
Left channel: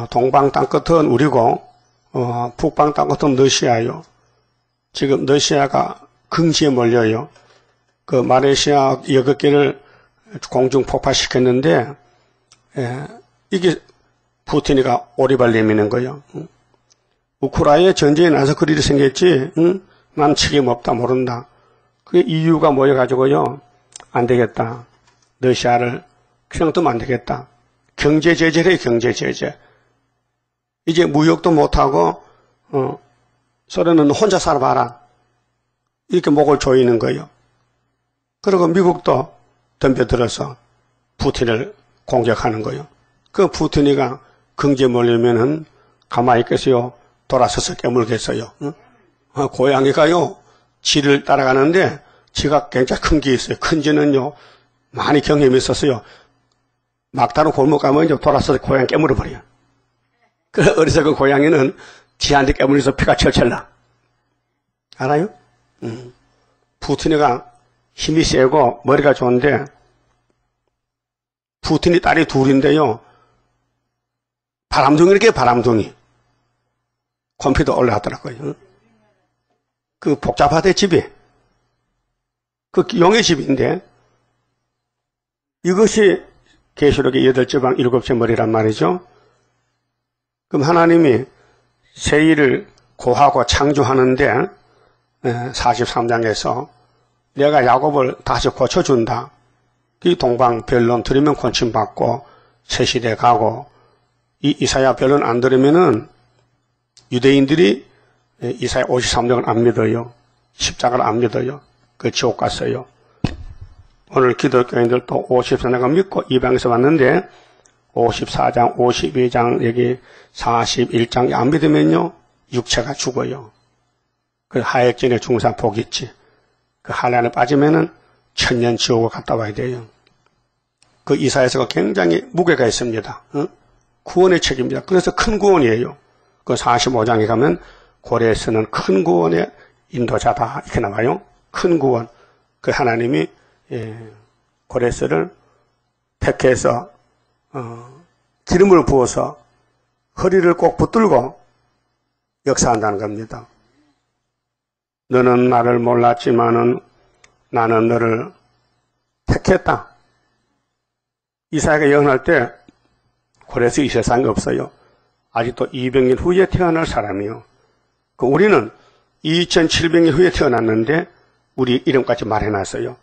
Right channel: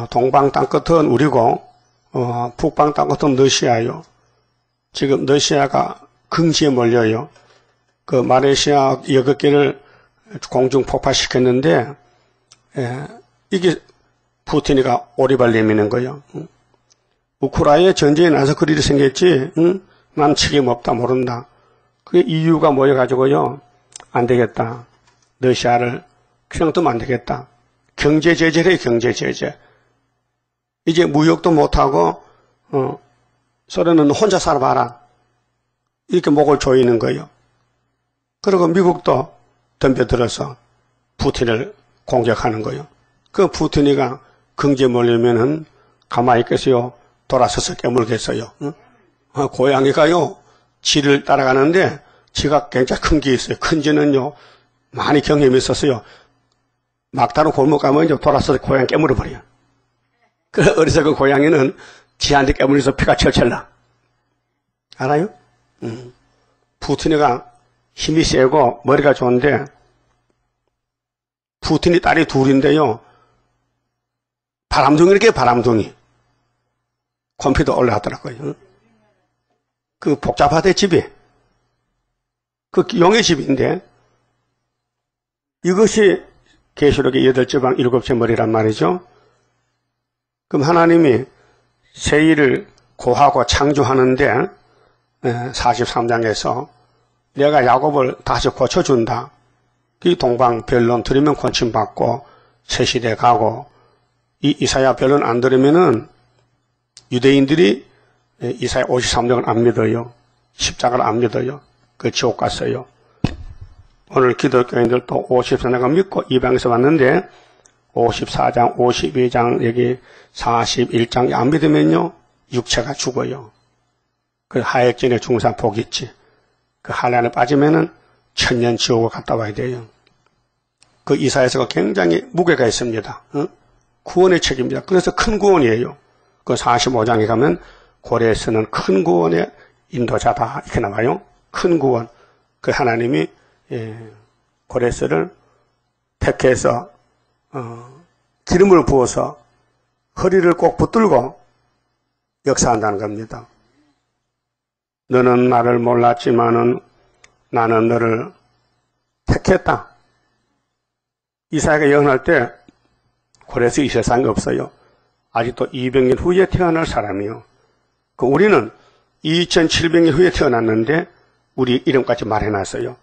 동방 땅끝은 우리고 북방 땅끝은 러시아요. 지금 러시아가 긍지에 몰려요. 그 말레이시아 6개를 공중 폭파시켰는데 이게 푸틴이가 오리발 내미는 거예요. 우크라이나에 전쟁이 나서 그리 생겼지. 난 책임 없다 모른다. 그 이유가 모여가지고요. 안 되겠다. 러시아를 그냥 두면 안 되겠다. 경제 제재래 경제 제재. 이제 무역도 못하고 소련은 혼자 살아봐라. 이렇게 목을 조이는 거예요. 그리고 미국도 덤벼들어서 푸틴을 공격하는 거예요. 그 푸틴이가 경제 몰리면은 가만히 있겠어요? 돌아서서 깨물겠어요? 고양이가요, 쥐를 따라가는데 쥐가 굉장히 큰 게 있어요. 큰 쥐는요, 많이 경험이 있었어요. 막다른 골목 가면 이제 돌아서서 고양이 깨물어버려요. 그 어리석은 고양이는 쥐한테 깨물어서 피가 철철 나. 알아요? 푸틴이가 힘이 세고 머리가 좋은데 푸틴이 딸이 둘인데요. 바람둥이렇게 바람둥이. 컴퓨터 올라왔더라고요. 그 복잡하대 집이. 그 용의 집인데 이것이 계시록의 8지방 7째 머리란 말이죠. 그럼 하나님이 세일을 구하고 창조하는데 43장에서 내가 야곱을 다시 고쳐준다. 이 동방 변론 들으면 고침받고 새 시대 가고 이 이사야 변론 안 들으면은 유대인들이 이사야 53장을 안 믿어요. 십자가를 안 믿어요. 그 지옥 갔어요. 오늘 기독교인들도 54장을 믿고 이방에서 왔는데 54장, 52장, 여기 41장 안 믿으면요. 육체가 죽어요. 그 하액진의 중상 복 있지. 그 한란에 빠지면은 천년 지옥을 갔다 와야 돼요. 그 이사야서가 굉장히 무게가 있습니다. 구원의 책입니다. 그래서 큰 구원이에요. 그 45장에 가면 고레스는 큰 구원의 인도자다 이렇게 나와요. 큰 구원. 그 하나님이 고레스를 택해서 기름을 부어서 허리를 꼭 붙들고 역사한다는 겁니다. 너는 나를 몰랐지만은 나는 너를 택했다. 이사야가 예언할 때 고레스 이 세상에 없어요. 아직도 200년 후에 태어날 사람이요. 그 우리는 2700년 후에 태어났는데 우리 이름까지 말해놨어요.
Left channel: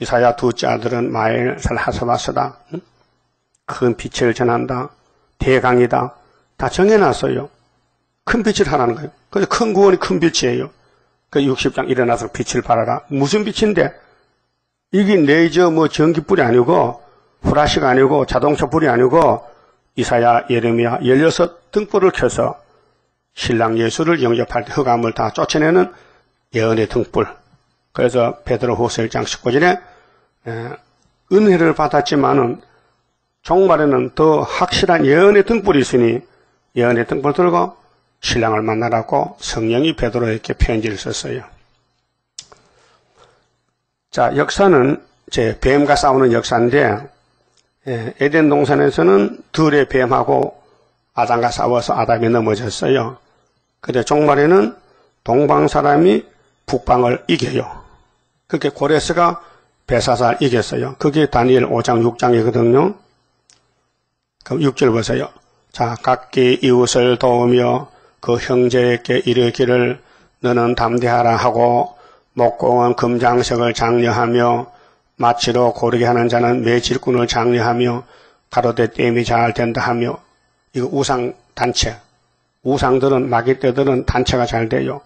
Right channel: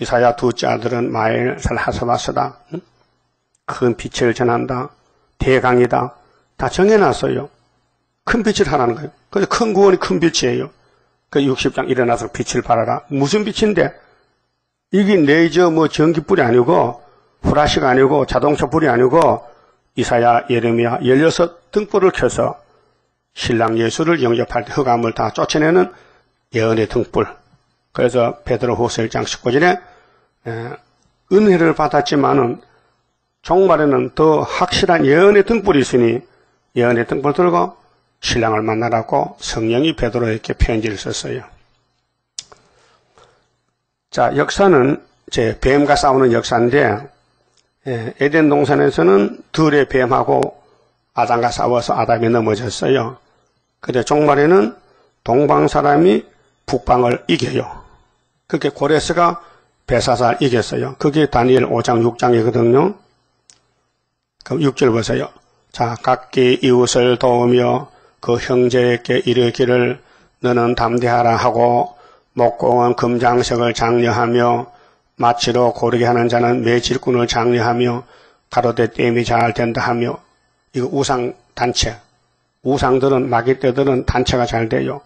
이사야 둘째 아들은 마엘 살하사바스다. 큰 빛을 전한다. 대강이다. 다 정해놨어요. 큰 빛을 하라는 거예요. 그래서 큰 구원이 큰 빛이에요. 그 60장 일어나서 빛을 발하라. 무슨 빛인데? 이게 레이저 전기불이 아니고 후라시가 아니고 자동차 불이 아니고 이사야 예레미야 16 등불을 켜서 신랑 예수를 영접할 때 흑암을 다 쫓아내는 예언의 등불. 그래서 베드로후서 1장 19절에 은혜를 받았지만은 종말에는 더 확실한 예언의 등불이 있으니 예언의 등불 들고 신랑을 만나라고 성령이 베드로에게 편지를 썼어요. 자, 역사는 제 뱀과 싸우는 역사인데 에덴 동산에서는 들의 뱀하고 아담과 싸워서 아담이 넘어졌어요. 근데 종말에는 동방 사람이 북방을 이겨요. 그게 고레스가 베사사를 이겼어요. 그게 다니엘 5장 6장이거든요. 그럼 6절 보세요. 자, 각기 이웃을 도우며 그 형제에게 이르기를 너는 담대하라 하고 목공은 금장석을 장려하며 마치로 고르게 하는 자는 매질꾼을 장려하며 가로되 땜이 잘 된다 하며. 이거 우상 단체. 우상들은 마귀떼들은 단체가 잘 돼요.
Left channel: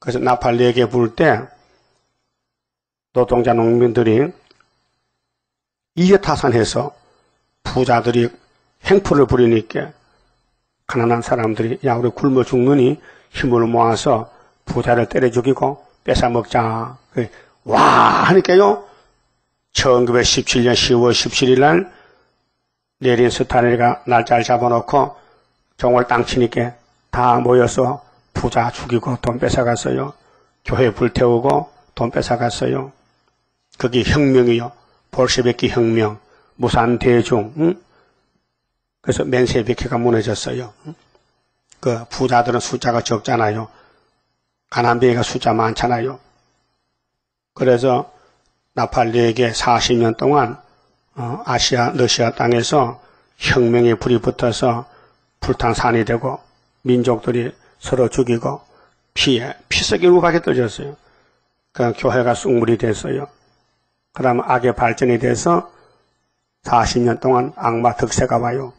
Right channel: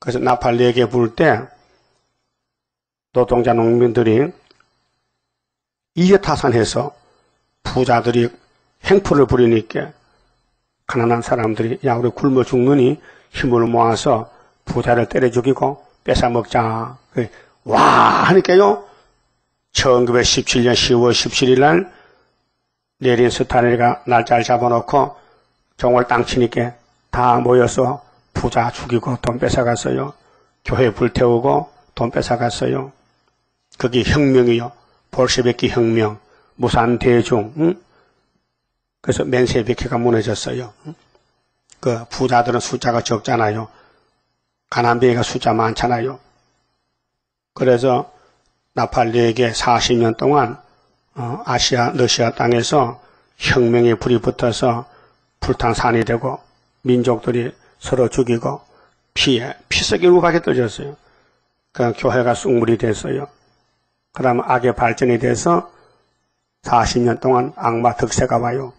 그래서 나팔 4개 불 때 노동자 농민들이 이해타산해서 부자들이 행포를 부리니까 가난한 사람들이 야 우리 굶어 죽느니 힘을 모아서 부자를 때려 죽이고 뺏어먹자. 와 하니까요. 1917년 10월 17일 날 내린 스타일가 날짜를 잡아놓고 종을 땅 치니까 다 모여서 부자 죽이고 돈 뺏어갔어요. 교회 불태우고 돈 뺏어갔어요. 그게 혁명이요. 볼셰비키 혁명, 무산대중. 응? 그래서 멘셰비키가 무너졌어요. 응? 그 부자들은 숫자가 적잖아요. 가난뱅이가 숫자 많잖아요. 그래서 나팔 4개 40년 동안 아시아, 러시아 땅에서 혁명의 불이 붙어서 불탄산이 되고 민족들이 서로 죽이고 피색이 우박이 떠졌어요. 그 교회가 쑥물이 됐어요. 그 다음 악의 발전이 돼서 40년 동안 악마 득세가 와요.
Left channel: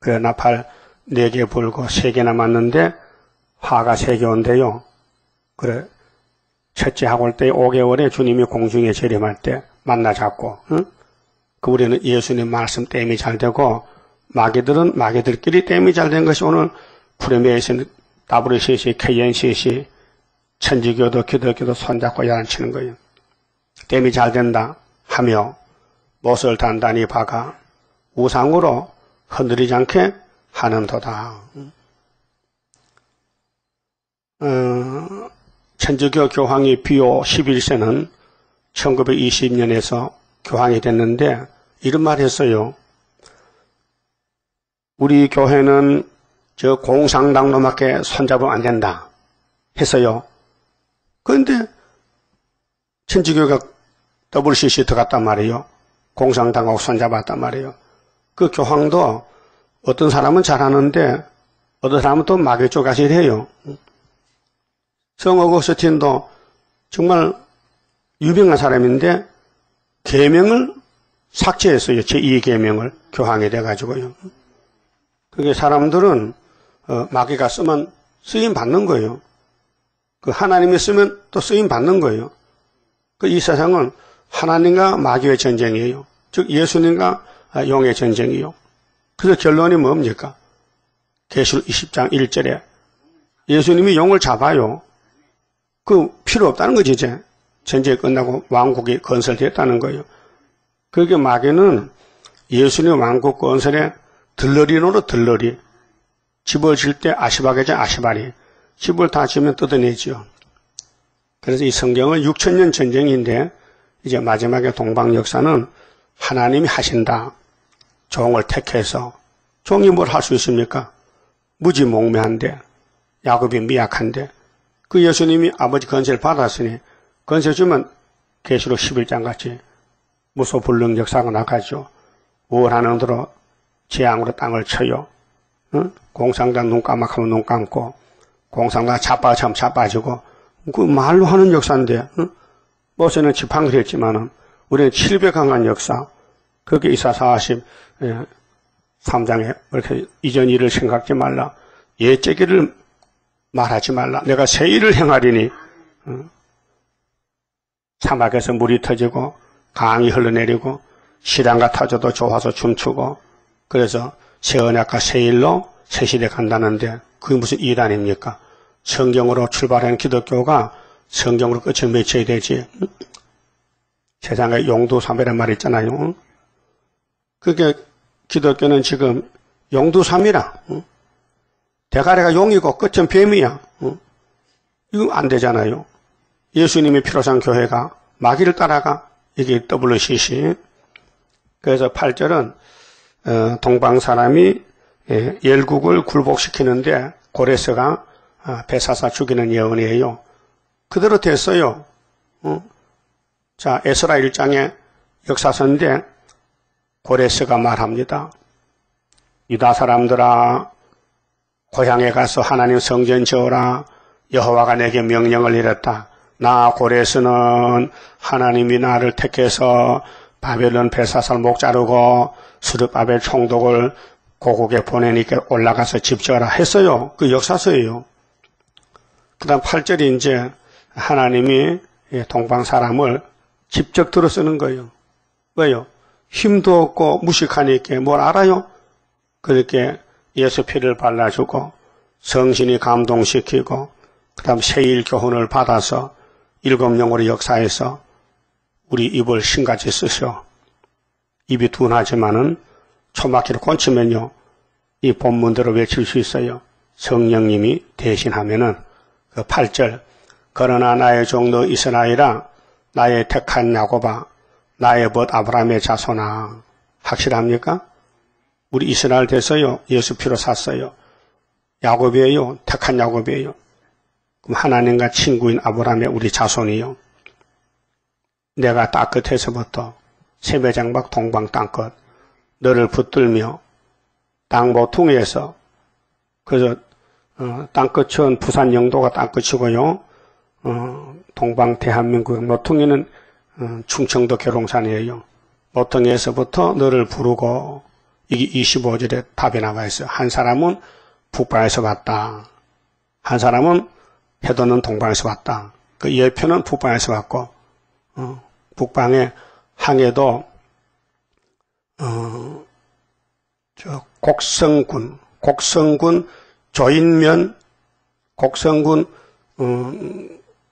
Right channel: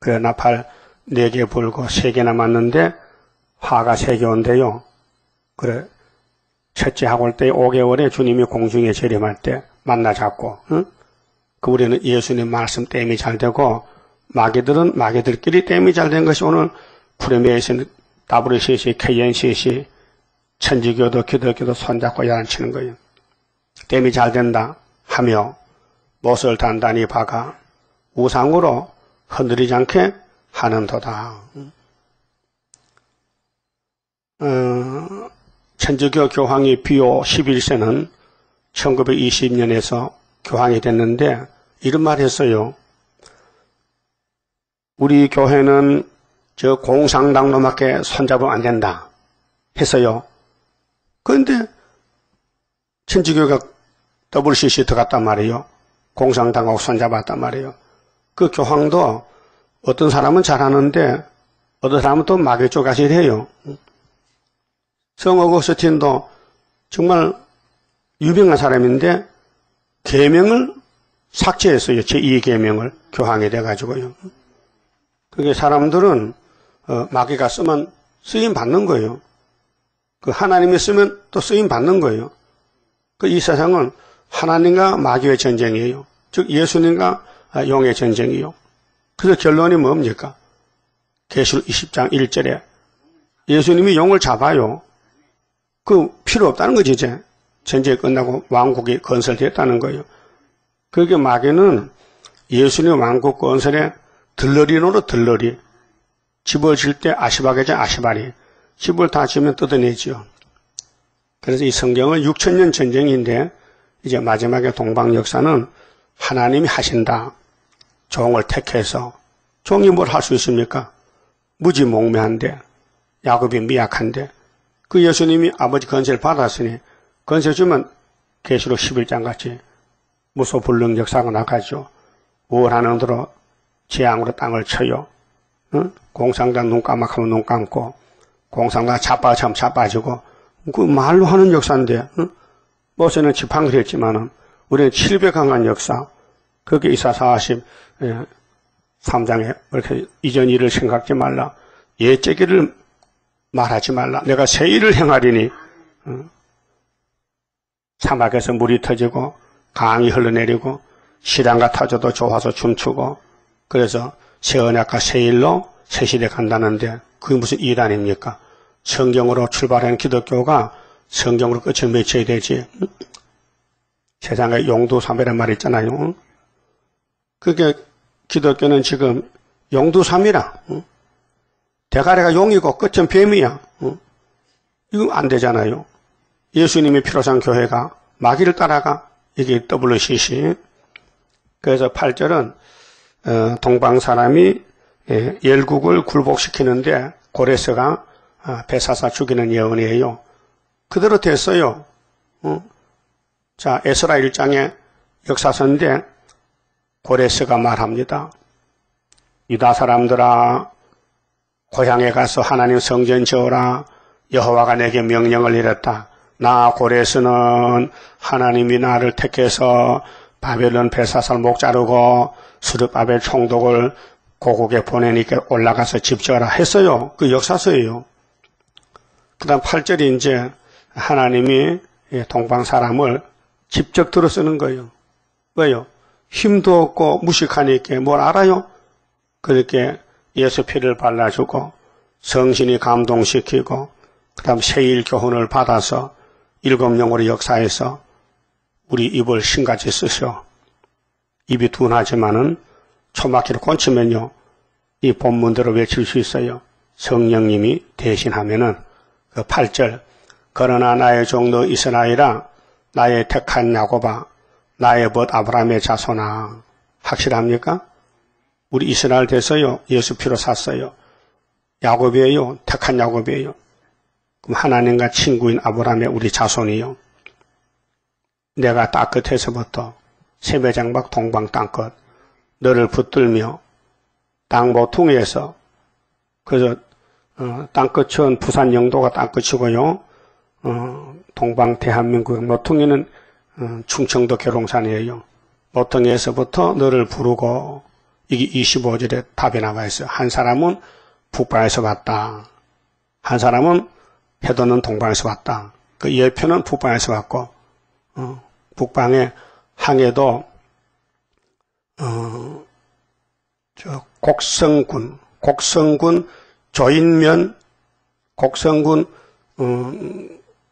그래 나팔 4개 불고 3개 남았는데 화가 3개 온대요. 그래 첫째 학월 때 5개월에 주님이 공중에 재림할 때 만나 잡고 응? 그 우리는 예수님 말씀 땜이 잘 되고 마귀들은 마귀들끼리 땜이 잘 된 것이 오늘 프레메이션 WCC, KNCC 천주교도 기독교도 손잡고 야단치는 거예요. 땜이 잘 된다 하며 못을 단단히 박아 우상으로 흔들리지 않게 하는도다. 천주교 교황이 비오 11세는 1920년에서 교황이 됐는데 이런 말 했어요. 우리 교회는 저 공산당놈밖에 손잡으면 안 된다 했어요. 그런데 천주교가 WCC 들어갔단 말이에요. 공산당하고 손잡았단 말이에요. 그 교황도 어떤 사람은 잘하는데 어떤 사람은 또 마귀 쪽까지 해요. 성 어거스틴도 정말 유명한 사람인데 계명을 삭제했어요. 제2계명을 교황이 돼가지고요. 그게 사람들은 마귀가 쓰면 쓰임 받는 거예요. 그 하나님이 쓰면 또 쓰임 받는 거예요. 그 이 세상은 하나님과 마귀의 전쟁이에요. 즉 예수님과 용의 전쟁이요. 그래서 결론이 뭡니까? 계시록 20장 1절에 예수님이 용을 잡아요. 그 필요 없다는 거지 이제. 전쟁이 끝나고 왕국이 건설됐다는 거예요. 그게 마귀는 예수님 왕국 건설에 들러리로 들러리. 집을 질 때 아시바게죠 아시바리. 집을 다 지면 뜯어내죠. 그래서 이 성경은 6,000년 전쟁인데 이제 마지막에 동방 역사는 하나님이 하신다. 종을 택해서 종이 뭘 할 수 있습니까? 무지몽매한데 야곱이 미약한데 그 예수님이 아버지 건세를 받았으니 건세 주면 계시록 11장 같이 무소불능 역사가 나가죠. 우월하는 대로 재앙으로 땅을 쳐요. 공상당 눈 까막하면 눈 감고 공상당 자빠지면 자빠지고 그 말로 하는 역사인데 모세는 지팡이를 했지만은 우리는 700강한 역사 그렇게 이사 43장에 이렇게 이전 일을 생각하지 말라. 옛제기를 말하지 말라. 내가 새 일을 행하리니 사막에서 물이 터지고 강이 흘러내리고 시랑과 타조도 좋아서 춤추고 그래서 새 언약과 새 일로 새 시대 간다는데 그게 무슨 이단입니까? 성경으로 출발한 기독교가 성경으로 끝을 맺혀야 되지. 세상에 용두삼이란 말이 있잖아요. 그게 기독교는 지금 용두삼이라. 대가리가 용이고 끝은 뱀이야. 이거 안 되잖아요. 예수님이 필요한 교회가 마귀를 따라가. 이게 WCC. 그래서 8절은 동방 사람이 열국을 굴복시키는데 고레스가 베사사 죽이는 예언이에요. 그대로 됐어요. 자, 에스라 1장의 역사서인데 고레스가 말합니다. 유다 사람들아 고향에 가서 하나님 성전 지어라. 여호와가 내게 명령을 내렸다. 나 고레스는 하나님이 나를 택해서 바벨론 베사사를 목 자르고 스룹바벨 총독을 고국에 보내니까 올라가서 집 지어라 했어요. 그 역사서예요. 그 다음 8절이 이제 하나님이 동방 사람을 직접 들어 쓰는 거예요. 왜요? 힘도 없고 무식하니까 뭘 알아요? 그렇게 예수 피를 발라주고 성신이 감동시키고 그 다음 세일 교훈을 받아서 7영으로 역사해서 우리 입을 신같이 쓰셔. 입이 둔하지만은 초막히를 꽂히면요 이 본문대로 외칠 수 있어요. 성령님이 대신하면은 그 8절 그러나 나의 종도 이스라엘아 나의 택한 야곱아 나의 벗 아브라함의 자손아 확실합니까? 우리 이스라엘 돼서요. 예수 피로 샀어요. 야곱이에요. 택한 야곱이에요. 그럼 하나님과 친구인 아브라함의 우리 자손이요. 내가 땅끝에서부터 세배장박 동방 땅끝 너를 붙들며 땅 모퉁이에서 그래서 땅끝은 부산 영도가 땅끝이고요. 동방 대한민국 모퉁이는 충청도 계룡산이에요. 모퉁이에서부터 너를 부르고 이게 25절에 답이 나와 있어요. 한 사람은 북방에서 왔다. 한 사람은 해도는 동방에서 왔다. 그 예표는 북방에서 왔고 북방의 항해도 곡성군 조인면 곡성군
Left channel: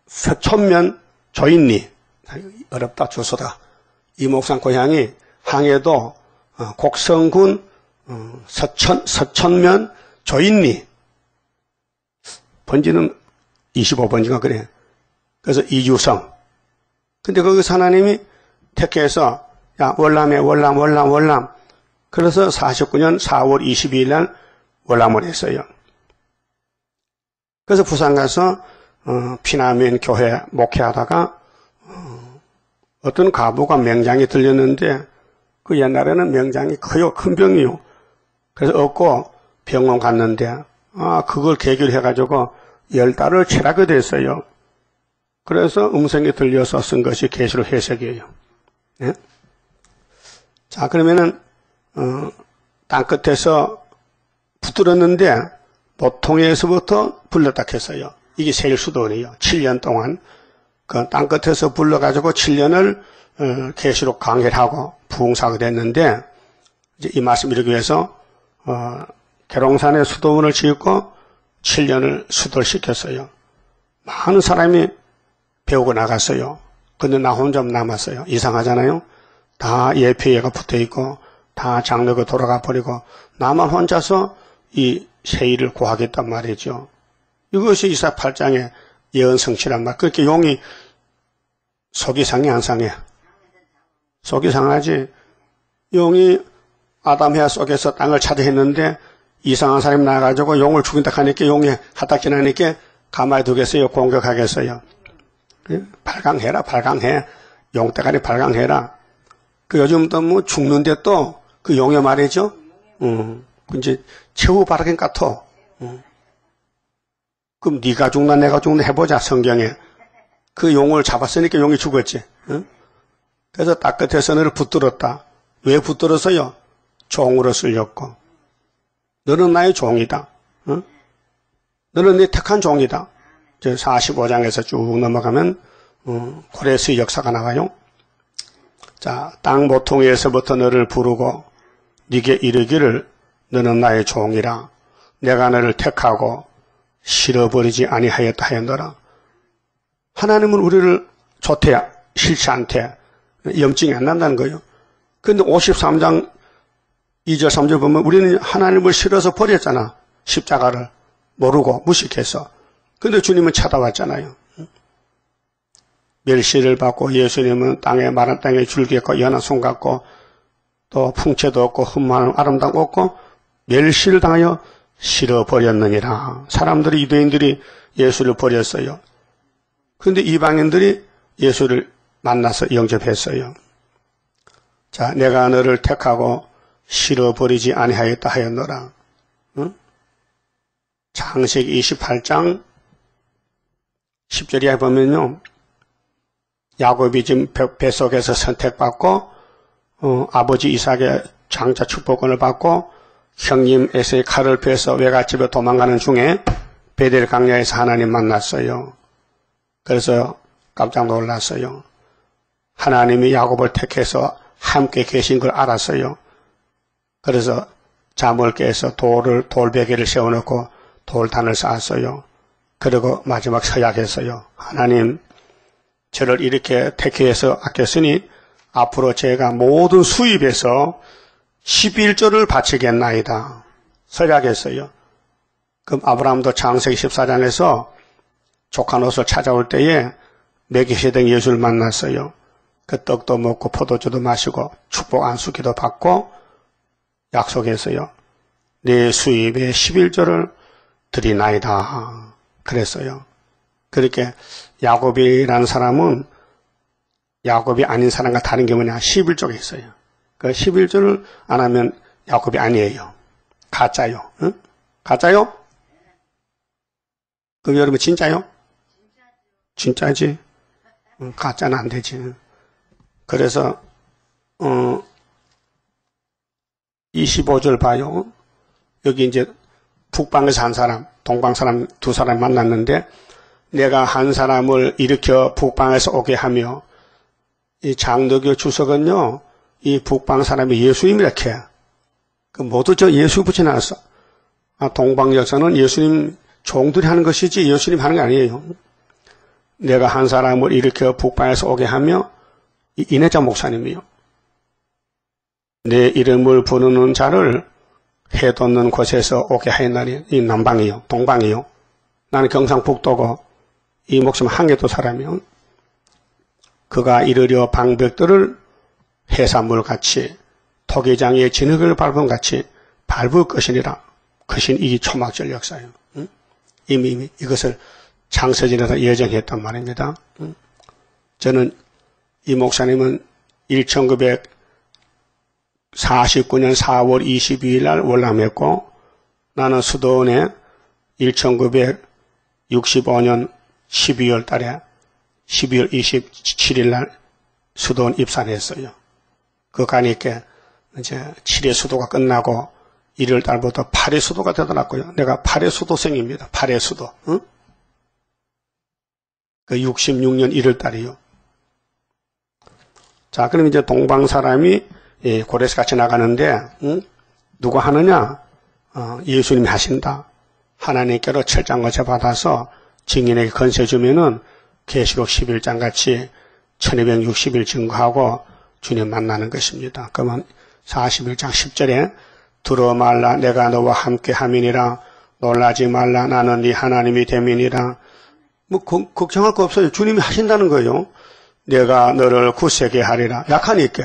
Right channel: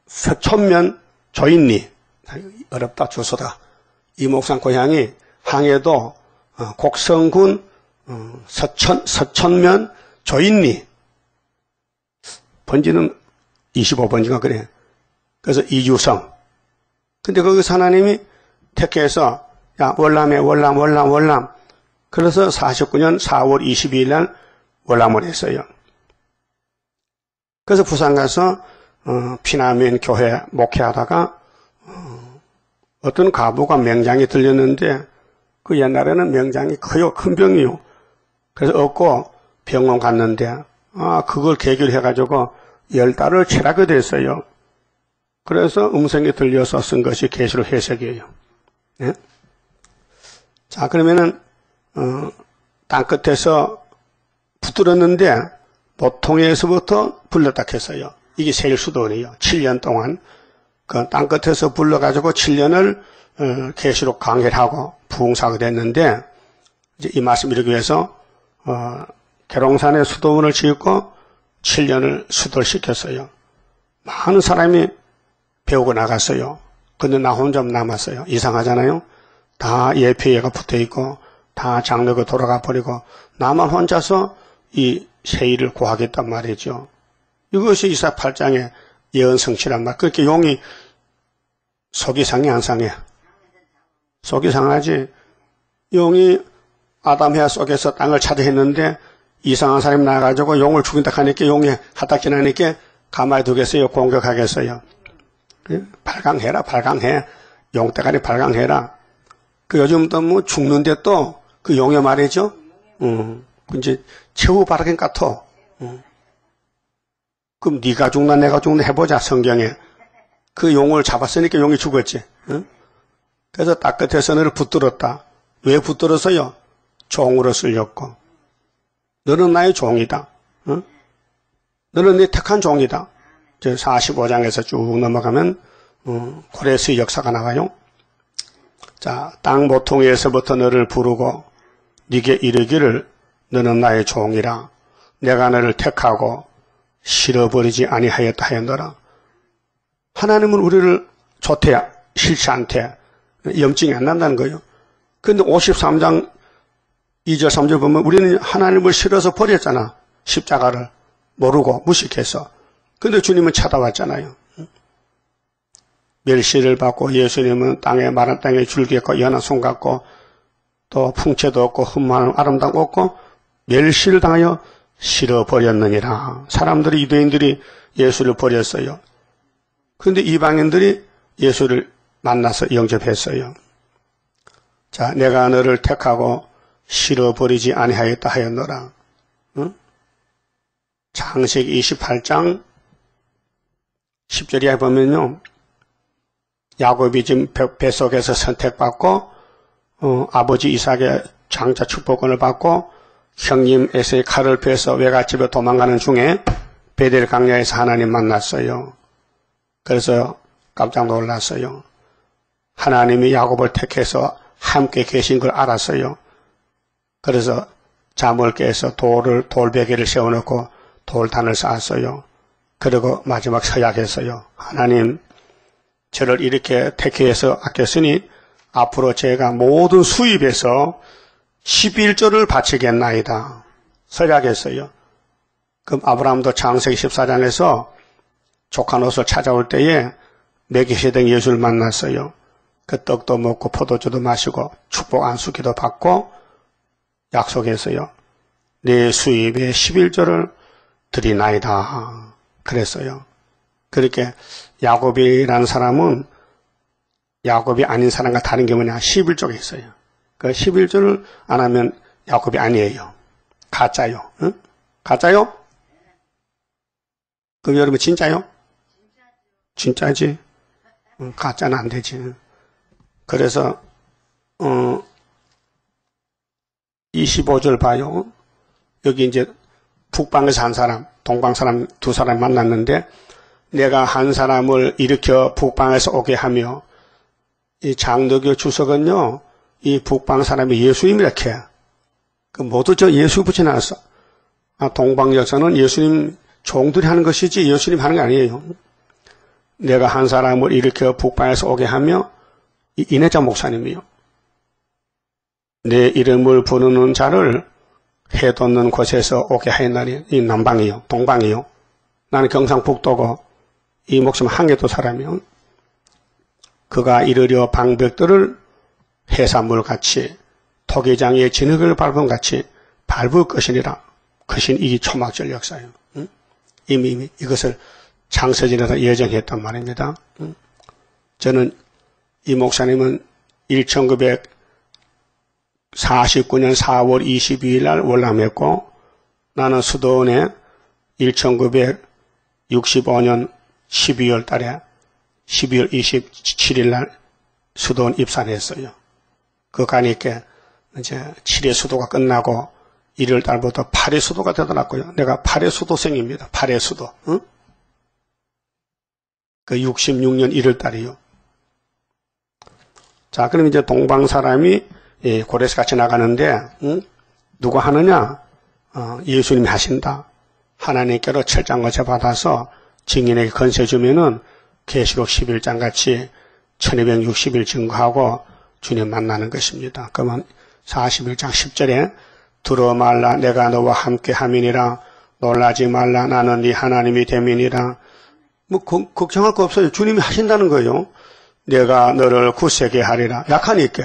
서천면 조인리 어렵다 주소다. 이 목상 고향이 항해도 곡성군 서천면 조인리 번지는 25번지가 그래. 그래서 이주성. 근데 거기서 하나님이 택해서 야 월남 그래서 49년 4월 22일 날 월남을 했어요. 그래서 부산 가서 피나면 교회 목회하다가 어떤 가부가 명장이 들렸는데 그 옛날에는 명장이 커요. 큰 병이요. 그래서 얻고 병원 갔는데 그걸 계기로 해가지고 10달을 치라게 됐어요. 그래서 음성이 들려서 쓴 것이 계시록 해석이에요. 네? 자 그러면은 땅끝에서 붙들었는데 모퉁이에서부터 불렀다 했어요. 이게 세일 수도원이에요. 7년 동안 그 땅끝에서 불러가지고 7년을 계시록 강해를 하고 부흥사가 됐는데 이제 이 말씀 이루기 위해서 계룡산에 수도원을 짓고 7년을 수도를 시켰어요. 많은 사람이 배우고 나갔어요. 근데 나 혼자 남았어요. 이상하잖아요. 다 예표예가 붙어있고 다 장로가 돌아가 버리고 나만 혼자서 이 세일을 구하겠단 말이죠. 이것이 이사 8장의 예언 성취란 말. 그렇게 용이 속이 상해 안 상해? 속이 상하지. 용이 아담 해 속에서 땅을 차지했는데 이상한 사람이 나가지고 용을 죽인다 하니까 용이 하다키나니까 가만히 두겠어요? 공격하겠어요? 발광해. 용대가리 발광해라. 그 요즘도 뭐 죽는데 또 그 용의 말이죠. 이제 최후 발광 같아. 그럼 네가 죽나 내가 죽나 해보자 성경에. 그 용을 잡았으니까 용이 죽었지. 그래서 땅끝에서 너를 붙들었다. 왜 붙들었어요? 종으로 쓸렸고. 너는 나의 종이다. 너는 내 택한 종이다. 45장에서 쭉 넘어가면 고레스의 역사가 나와요. 자, 땅 모퉁이에서부터 너를 부르고 네게 이르기를 너는 나의 종이라. 내가 너를 택하고 실어버리지 아니하였다 하였노라. 하나님은 우리를 좋대, 싫지 않대. 염증이 안 난다는 거예요. 그런데 53장 2절 3절 보면 우리는 하나님을 싫어서 버렸잖아. 십자가를 모르고 무식해서. 그런데 주님은 찾아왔잖아요. 멸시를 받고 예수님은 마른 땅에 줄기였고 연한 손 같고 또 풍채도 없고 흠만 아름다움 없고 멸시를 당하여 싫어버렸느니라. 사람들이 유대인들이 예수를 버렸어요. 그런데 이방인들이 예수를 만나서 영접했어요. 자, 내가 너를 택하고 싫어버리지 아니하였다 하였노라. 창세기 28장 10절에 보면요. 야곱이 지금 뱃속에서 선택받고 아버지 이삭의 장자 축복을 받고 형님 에서의 칼을 빼서 외갓집에 도망가는 중에 베델 강야에서 하나님 만났어요. 그래서 깜짝 놀랐어요. 하나님이 야곱을 택해서 함께 계신 걸 알았어요. 그래서 잠을 깨서 돌베개를 세워놓고 돌단을 쌓았어요. 그리고 마지막 서약했어요. 하나님, 저를 이렇게 택해서 아꼈으니 앞으로 제가 모든 수입에서 11조를 바치겠나이다. 설약했어요. 그럼 아브라함도 창세기 14장에서 조카 롯을 찾아올 때에 멜기세덱 예수를 만났어요. 그 떡도 먹고 포도주도 마시고 축복 안수기도 받고 약속했어요. 내 수입의 11조를 드리나이다. 그랬어요. 그렇게 야곱이라는 사람은 야곱이 아닌 사람과 다른 게 뭐냐? 11조가 있어요. 그 11조를 안 하면 야곱이 아니에요. 가짜요. 응? 가짜요? 그럼 여러분 진짜요? 진짜지? 가짜는 안 되지. 그래서 25절 봐요. 여기 이제 북방에서 한 사람, 동방 사람 두 사람 만났는데 내가 한 사람을 일으켜 북방에서 오게 하며 이 장로교 주석은요, 이 북방 사람이 예수님 이렇게 그 모두 저 예수 붙여놨어. 동방 여서는 예수님 종들이 하는 것이지 예수님 하는 게 아니에요. 내가 한 사람을 일으켜 북방에서 오게 하며 이 이내자 목사님이요. 내 이름을 부르는 자를 해 돋는 곳에서 오게 하였나니 이 남방이요, 동방이요. 나는 경상북도고 이 목사님 항해도 사람이요. 그가 이르려 방백들을 해산물같이 토기장의 진흙을 밟은 같이 밟을 것이니라. 그신 이게 초막절 역사예요. 응? 이미 이것을 창세전에서 예정했단 말입니다. 응? 저는 이 목사님은 1949년 4월 22일 날 월남했고 나는 수도원에 1965년 12월 달에 12월 27일 날 수도원 입사를 했어요. 그 가니까 이제 7회 수도가 끝나고 1월 달부터 8회 수도가 되더라고요. 내가 8회 수도생입니다. 8회 수도. 응? 그 66년 1월 달이요. 자, 그럼 이제 동방 사람이 고레스 같이 나가는데, 응? 누가 하느냐? 예수님이 하신다. 하나님께로 철장거쳐 받아서 증인에게 건세 주면은 계시록 11장 같이 1260일 증거하고 주님 만나는 것입니다. 그러면 41장 10절에 두려워 말라 내가 너와 함께 함이니라 놀라지 말라 나는 네 하나님이 됨이니라. 뭐 걱정할 거 없어요. 주님이 하신다는 거예요. 내가 너를 굳세게 하리라. 약하니까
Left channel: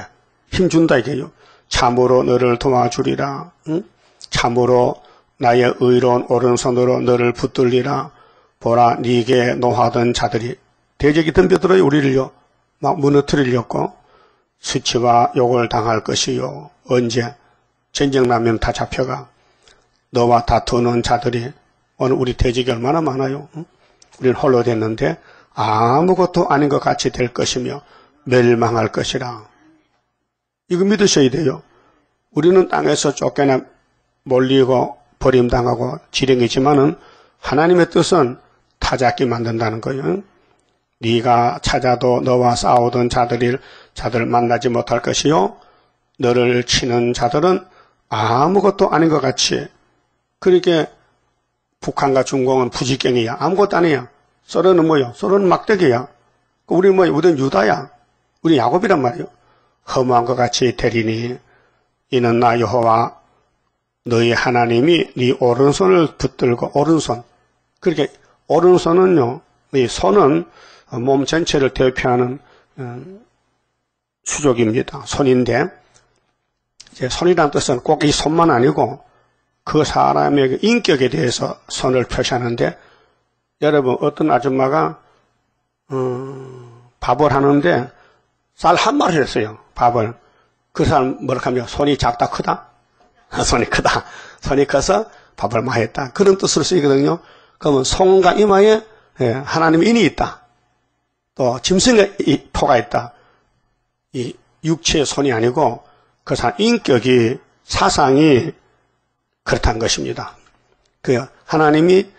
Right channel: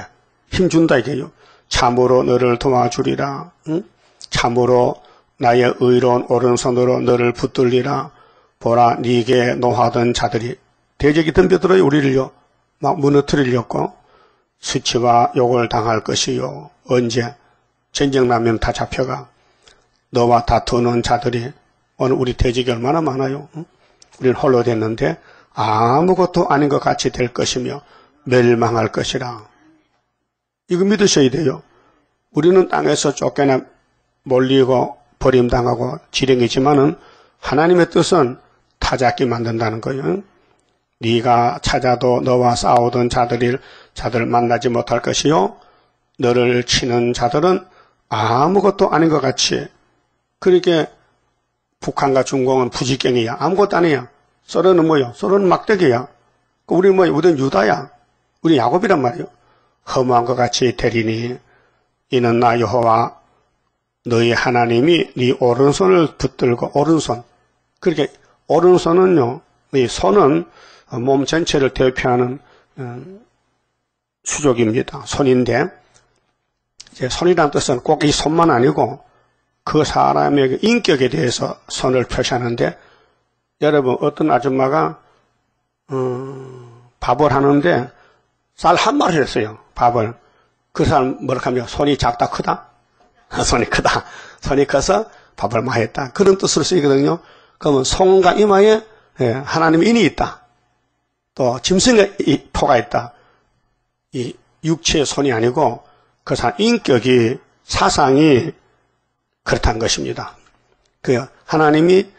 힘준다 이게요. 참으로 너를 도와주리라. 응? 참으로 나의 의로운 오른손으로 너를 붙들리라. 보라 네게 노하던 자들이 대적이 덤벼들어요. 우리를요. 막 무너뜨리려고 수치와 욕을 당할 것이요. 언제? 전쟁 나면 다 잡혀가. 너와 다투는 자들이 오늘 우리 대적이 얼마나 많아요. 응? 우리는 홀로 됐는데 아무것도 아닌 것 같이 될 것이며 멸망할 것이라. 이거 믿으셔야 돼요. 우리는 땅에서 쫓겨나 몰리고 버림당하고 지령이지만은 하나님의 뜻은 다 잡게 만든다는 거예요. 네가 찾아도 너와 싸우던 자들 만나지 못할 것이요. 너를 치는 자들은 아무것도 아닌 것 같이. 그러니까 북한과 중공은 부지경이야. 아무것도 아니야. 소련은 뭐야? 소련은 막대기야. 우리 뭐야? 우리는 유다야. 우리 야곱이란 말이에요. 허무한 것 같이 되리니 이는 나 여호와 너희 하나님이 네 오른손을 붙들고 오른손. 그렇게 오른손은요. 이 손은 몸 전체를 대표하는 수족입니다. 손인데 이제 손이라는 뜻은 꼭 이 손만 아니고 그 사람의 인격에 대해서 손을 표시하는데 여러분 어떤 아줌마가 밥을 하는데 쌀 한 마리 했어요. 밥을. 그 사람 뭐라 하면 손이 작다 크다? 손이 크다. 손이 커서 밥을 많이 했다. 그런 뜻으로 쓰이거든요. 그러면 손과 이마에 하나님의 인이 있다. 또 짐승의 포가 있다. 이 육체의 손이 아니고 그 사람 인격이 사상이 그렇다는 것입니다. 그 하나님이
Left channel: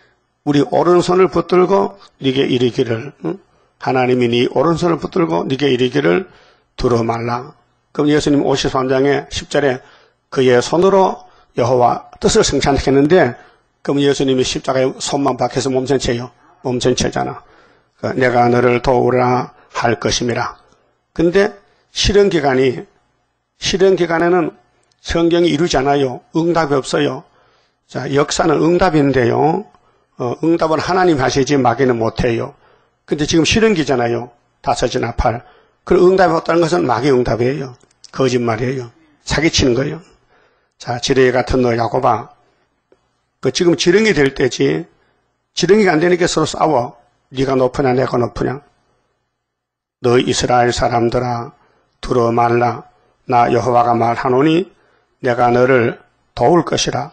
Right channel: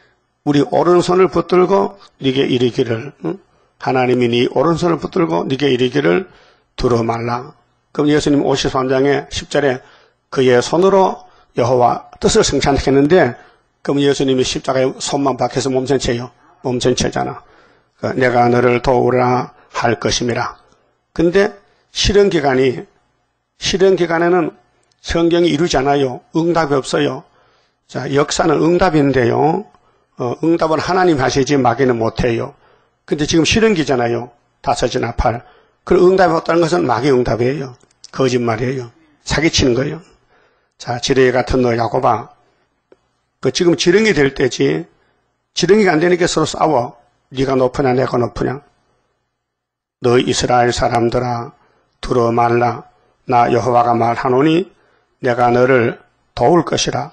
우리 오른손을 붙들고 네게 이르기를 하나님이 네 오른손을 붙들고 네게 이르기를 두려 말라. 그럼 예수님 53장에 10절에 그의 손으로 여호와 뜻을 성찬했는데 그럼 예수님이 십자가에 손만 박혀서 몸 전체요. 몸 전체잖아. 내가 너를 도우라 할 것임이라. 근데 실현 기간에는 성경이 이루지 않아요. 응답이 없어요. 자, 역사는 응답인데요. 응답은 하나님 하시지 마귀는 못해요. 근데 지금 실현기잖아요. 5이나 8. 그 응답이 없다는 것은 마귀 응답이에요. 거짓말이에요. 사기치는 거예요. 자, 지렁이 같은 너 야곱아. 지금 지렁이 될 때지. 지렁이가 안 되니까 서로 싸워. 네가 높으냐 내가 높으냐. 너 이스라엘 사람들아 두려워 말라. 나 여호와가 말하노니 내가 너를 도울 것이라.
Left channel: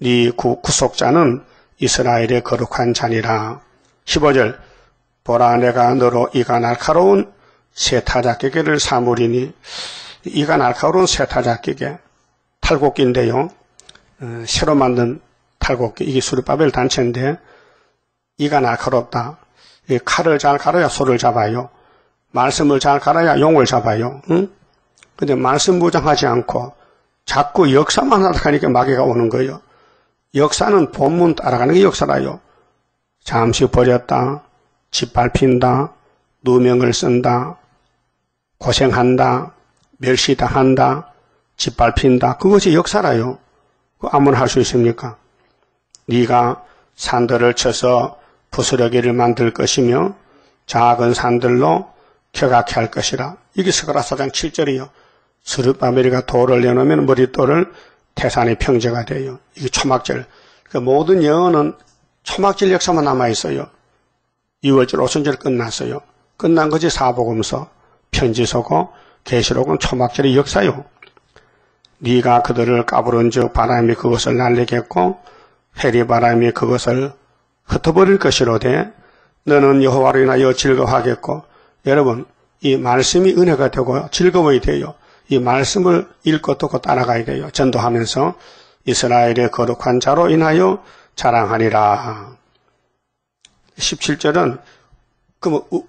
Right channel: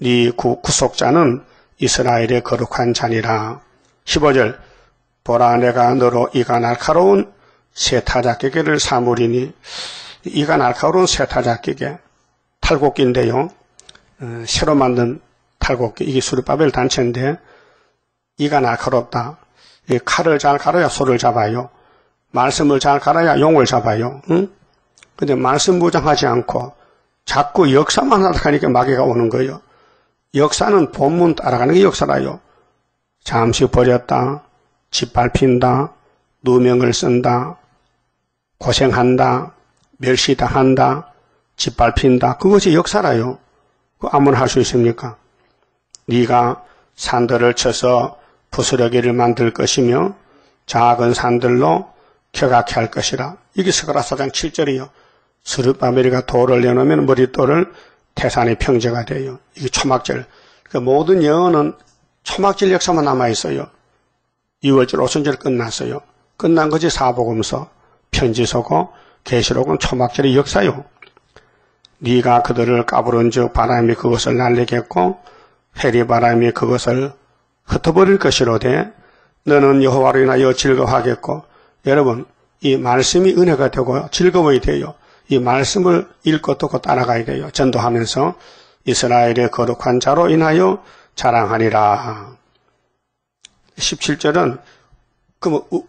네 구속자는 이스라엘의 거룩한 자니라. 15절 보라 내가 너로 이가 날카로운 세타작개를 사무리니. 이가 날카로운 세타작개 탈곡기인데요. 새로 만든 탈곡기. 이게 수르바벨 단체인데 이가 날카롭다. 이 칼을 잘 갈아야 소를 잡아요. 말씀을 잘 갈아야 용을 잡아요. 응? 근데 말씀 무장하지 않고 자꾸 역사만 하니까 마귀가 오는 거예요. 역사는 본문 따라가는 게 역사라요. 잠시 버렸다. 짓밟힌다. 누명을 쓴다. 고생한다. 멸시당한다. 짓밟힌다. 그것이 역사라요. 아무나 할 수 있습니까? 네가 산들을 쳐서 부스러기를 만들 것이며 작은 산들로 켜가게 할 것이라. 이게 스가랴 4장 7절이요. 스룹바벨이가 돌을 내놓으면 머릿돌을 태산의 평제가 돼요. 이게 초막절. 그러니까 모든 영어는 초막절 역사만 남아있어요. 2월절, 오순절 끝났어요. 끝난 것이 사복음서, 편지서고 계시록은 초막절의 역사요. 네가 그들을 까부른 즉 바람이 그것을 날리겠고 해리바람이 그것을 흩어버릴 것이로되 너는 여호와로 인하여 즐거워하겠고. 여러분, 이 말씀이 은혜가 되고 즐거움이 돼요. 이 말씀을 읽고 듣고 따라가야 돼요. 전도하면서 이스라엘의 거룩한 자로 인하여 자랑하리라. 17절은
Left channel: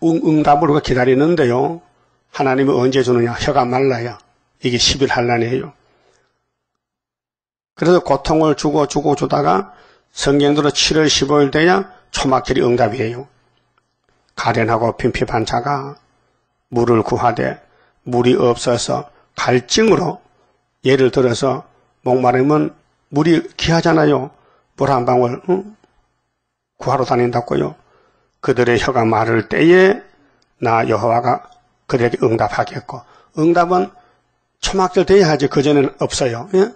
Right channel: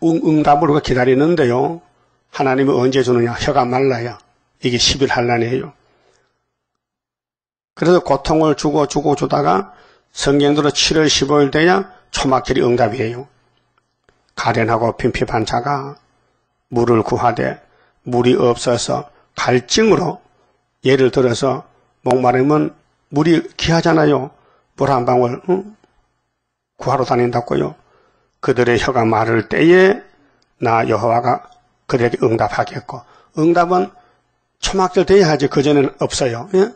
응답으로 기다리는데요. 하나님이 언제 주느냐? 혀가 말라야. 이게 10일 한란이에요. 그래서 고통을 주다가 성경대로 7월 15일 돼야 초막절이 응답이에요. 가련하고 빈핍한 자가 물을 구하되 물이 없어서 갈증으로, 예를 들어서 목마르면 물이 귀하잖아요. 물 한 방울 구하러 다닌다고요. 그들의 혀가 마를 때에 나 여호와가 그들에게 응답하겠고. 응답은 초막절 돼야 하지 그전에는 없어요. 예?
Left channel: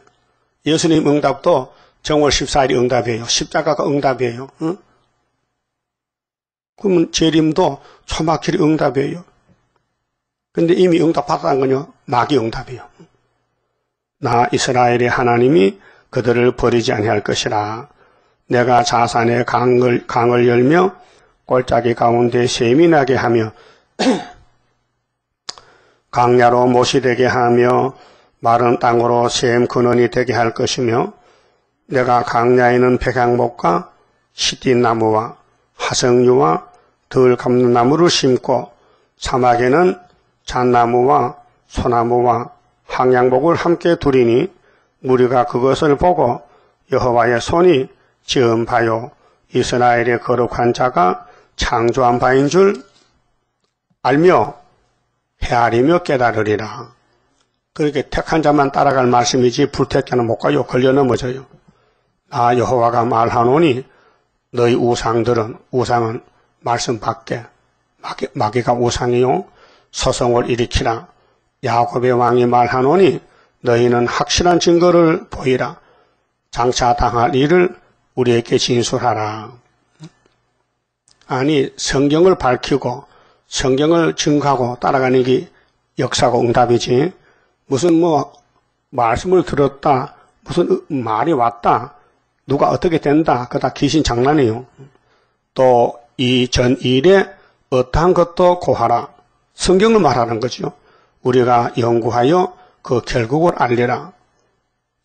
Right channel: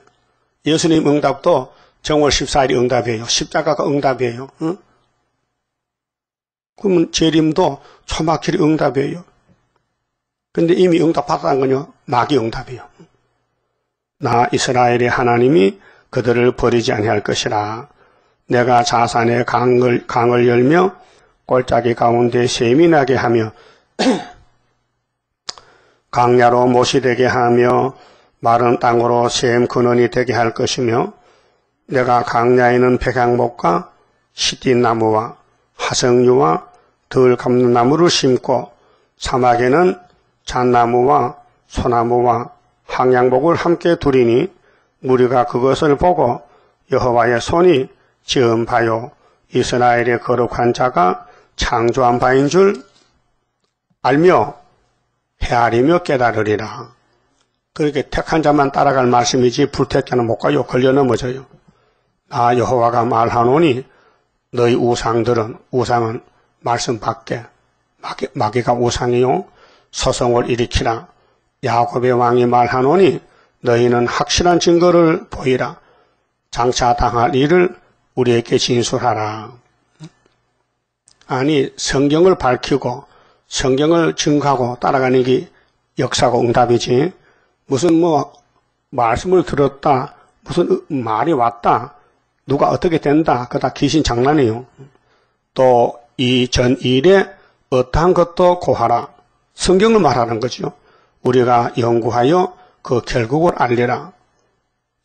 예수님 응답도 정월 14일이 응답이에요. 십자가가 응답이에요. 응? 그러면 재림도 초막절이 응답이에요. 근데 이미 응답받았다는 건요, 마귀 응답이에요. 나 이스라엘의 하나님이 그들을 버리지 아니할 것이라. 내가 자산의 강을 열며 골짜기 가운데 샘이 나게 하며 강야로 못이 되게 하며 마른 땅으로 샘 근원이 되게 할 것이며 내가 강야에는 백향목과 시띠나무와 화석류와 덜 감는 나무를 심고 사막에는 잣나무와 소나무와 항양목을 함께 두리니 무리가 그것을 보고 여호와의 손이 지은 바요 이스라엘의 거룩한 자가 창조한 바인 줄 알며 헤아리며 깨달으리라. 그렇게 택한 자만 따라갈 말씀이지 불택자는 못 가요. 걸려 넘어져요. 나 여호와가 말하노니 너희 우상들은, 우상은 말씀 밖에, 마귀가 우상이요 소송을 일으키라. 야곱의 왕이 말하노니 너희는 확실한 증거를 보이라. 장차 당할 일을 우리에게 진술하라. 아니, 성경을 밝히고 성경을 증거하고 따라가는 게 역사고 응답이지. 무슨 말씀을 들었다, 무슨 말이 왔다, 누가 어떻게 된다, 그거 다 귀신 장난이에요. 또 이 전 일에 어떠한 것도 고하라. 성경을 말하는 거죠. 우리가 연구하여 그 결국을 알리라.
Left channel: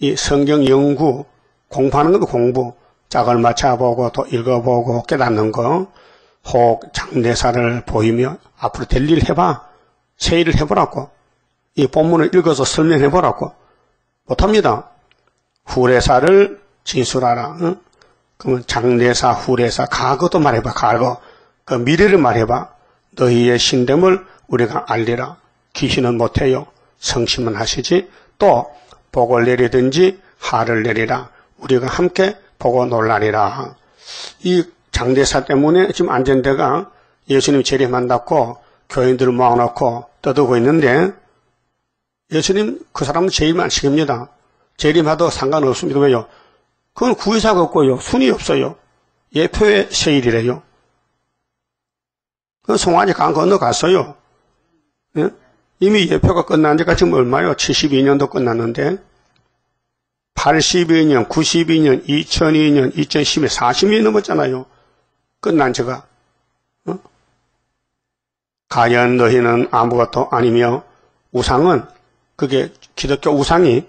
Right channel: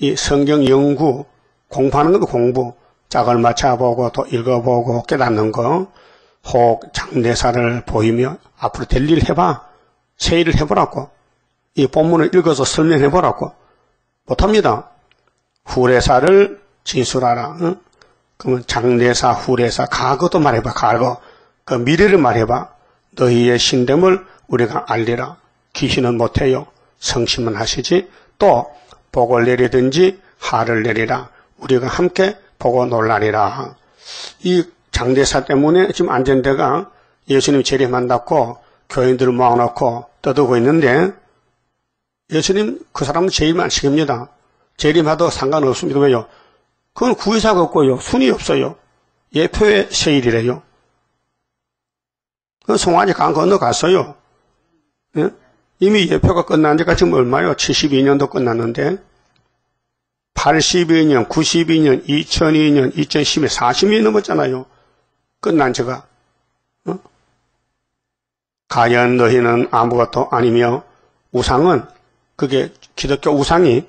이 성경 연구, 공부하는 것도 공부. 짝을 맞춰보고 또 읽어보고 깨닫는 거. 혹 장례사를 보이며 앞으로 될 일 해봐. 새 일을 해보라고. 이 본문을 읽어서 설명해보라고. 못합니다. 후레사를 진술하라. 응? 그러면 장례사, 후레사, 과거도 말해봐. 과거. 그 미래를 말해봐. 너희의 신됨을 우리가 알리라. 귀신은 못해요. 성심은 하시지. 또 복을 내리든지 하를 내리라. 우리가 함께 보고 놀라리라. 이 장대사 때문에 지금 안전대가 예수님 재림한다고 교인들을 모아놓고 떠들고 있는데 예수님 그 사람은 재림 안 시킵니다. 재림하도 상관없습니다. 왜요? 그건 구의사가 없고요. 순위 없어요. 예표의 세일이래요. 그 송아지 강 건너갔어요. 예? 이미 예표가 끝난 지가 지금 얼마요? 72년도 끝났는데 82년, 92년, 2002년, 2010년, 40년이 넘었잖아요. 끝난 지가. 과연 너희는 아무것도 아니며 우상은 그게 기독교 우상이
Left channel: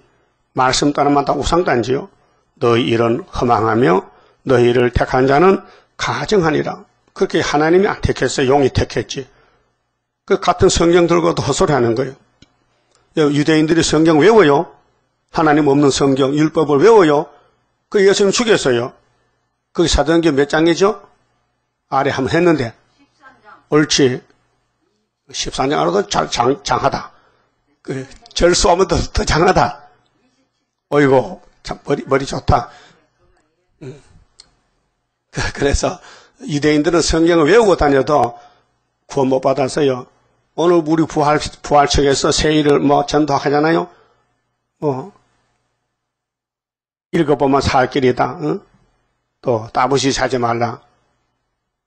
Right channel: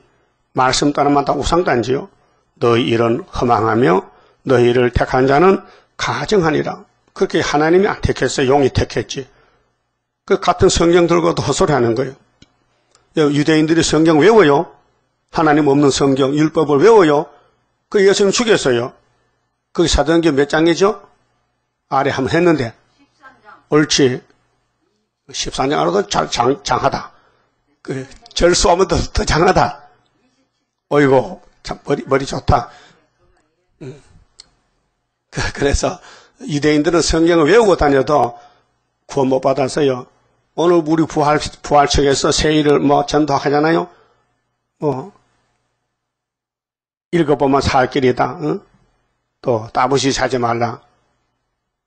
말씀 따르면 다 우상단지요. 너희 일은 허망하며 너희를 택한 자는 가정하니라. 그렇게 하나님이 안 택했어요. 용이 택했지. 그 같은 성경 들고도 헛소리하는 거예요. 유대인들이 성경 외워요. 하나님 없는 성경, 율법을 외워요. 그 예수님 죽였어요. 그게 사도행전 몇 장이죠? 아래 한번 했는데. 13장. 옳지. 14장 알아도 장하다. 그 절수하면 더 장하다. 어이구, 참 머리 좋다. 그래서 유대인들은 성경을 외우고 다녀도 구원 못 받았어요. 오늘 우리 부활책에서 세일을 전도하잖아요. 읽어보면 살 길이다. 응? 또 따블시시 하지 말라.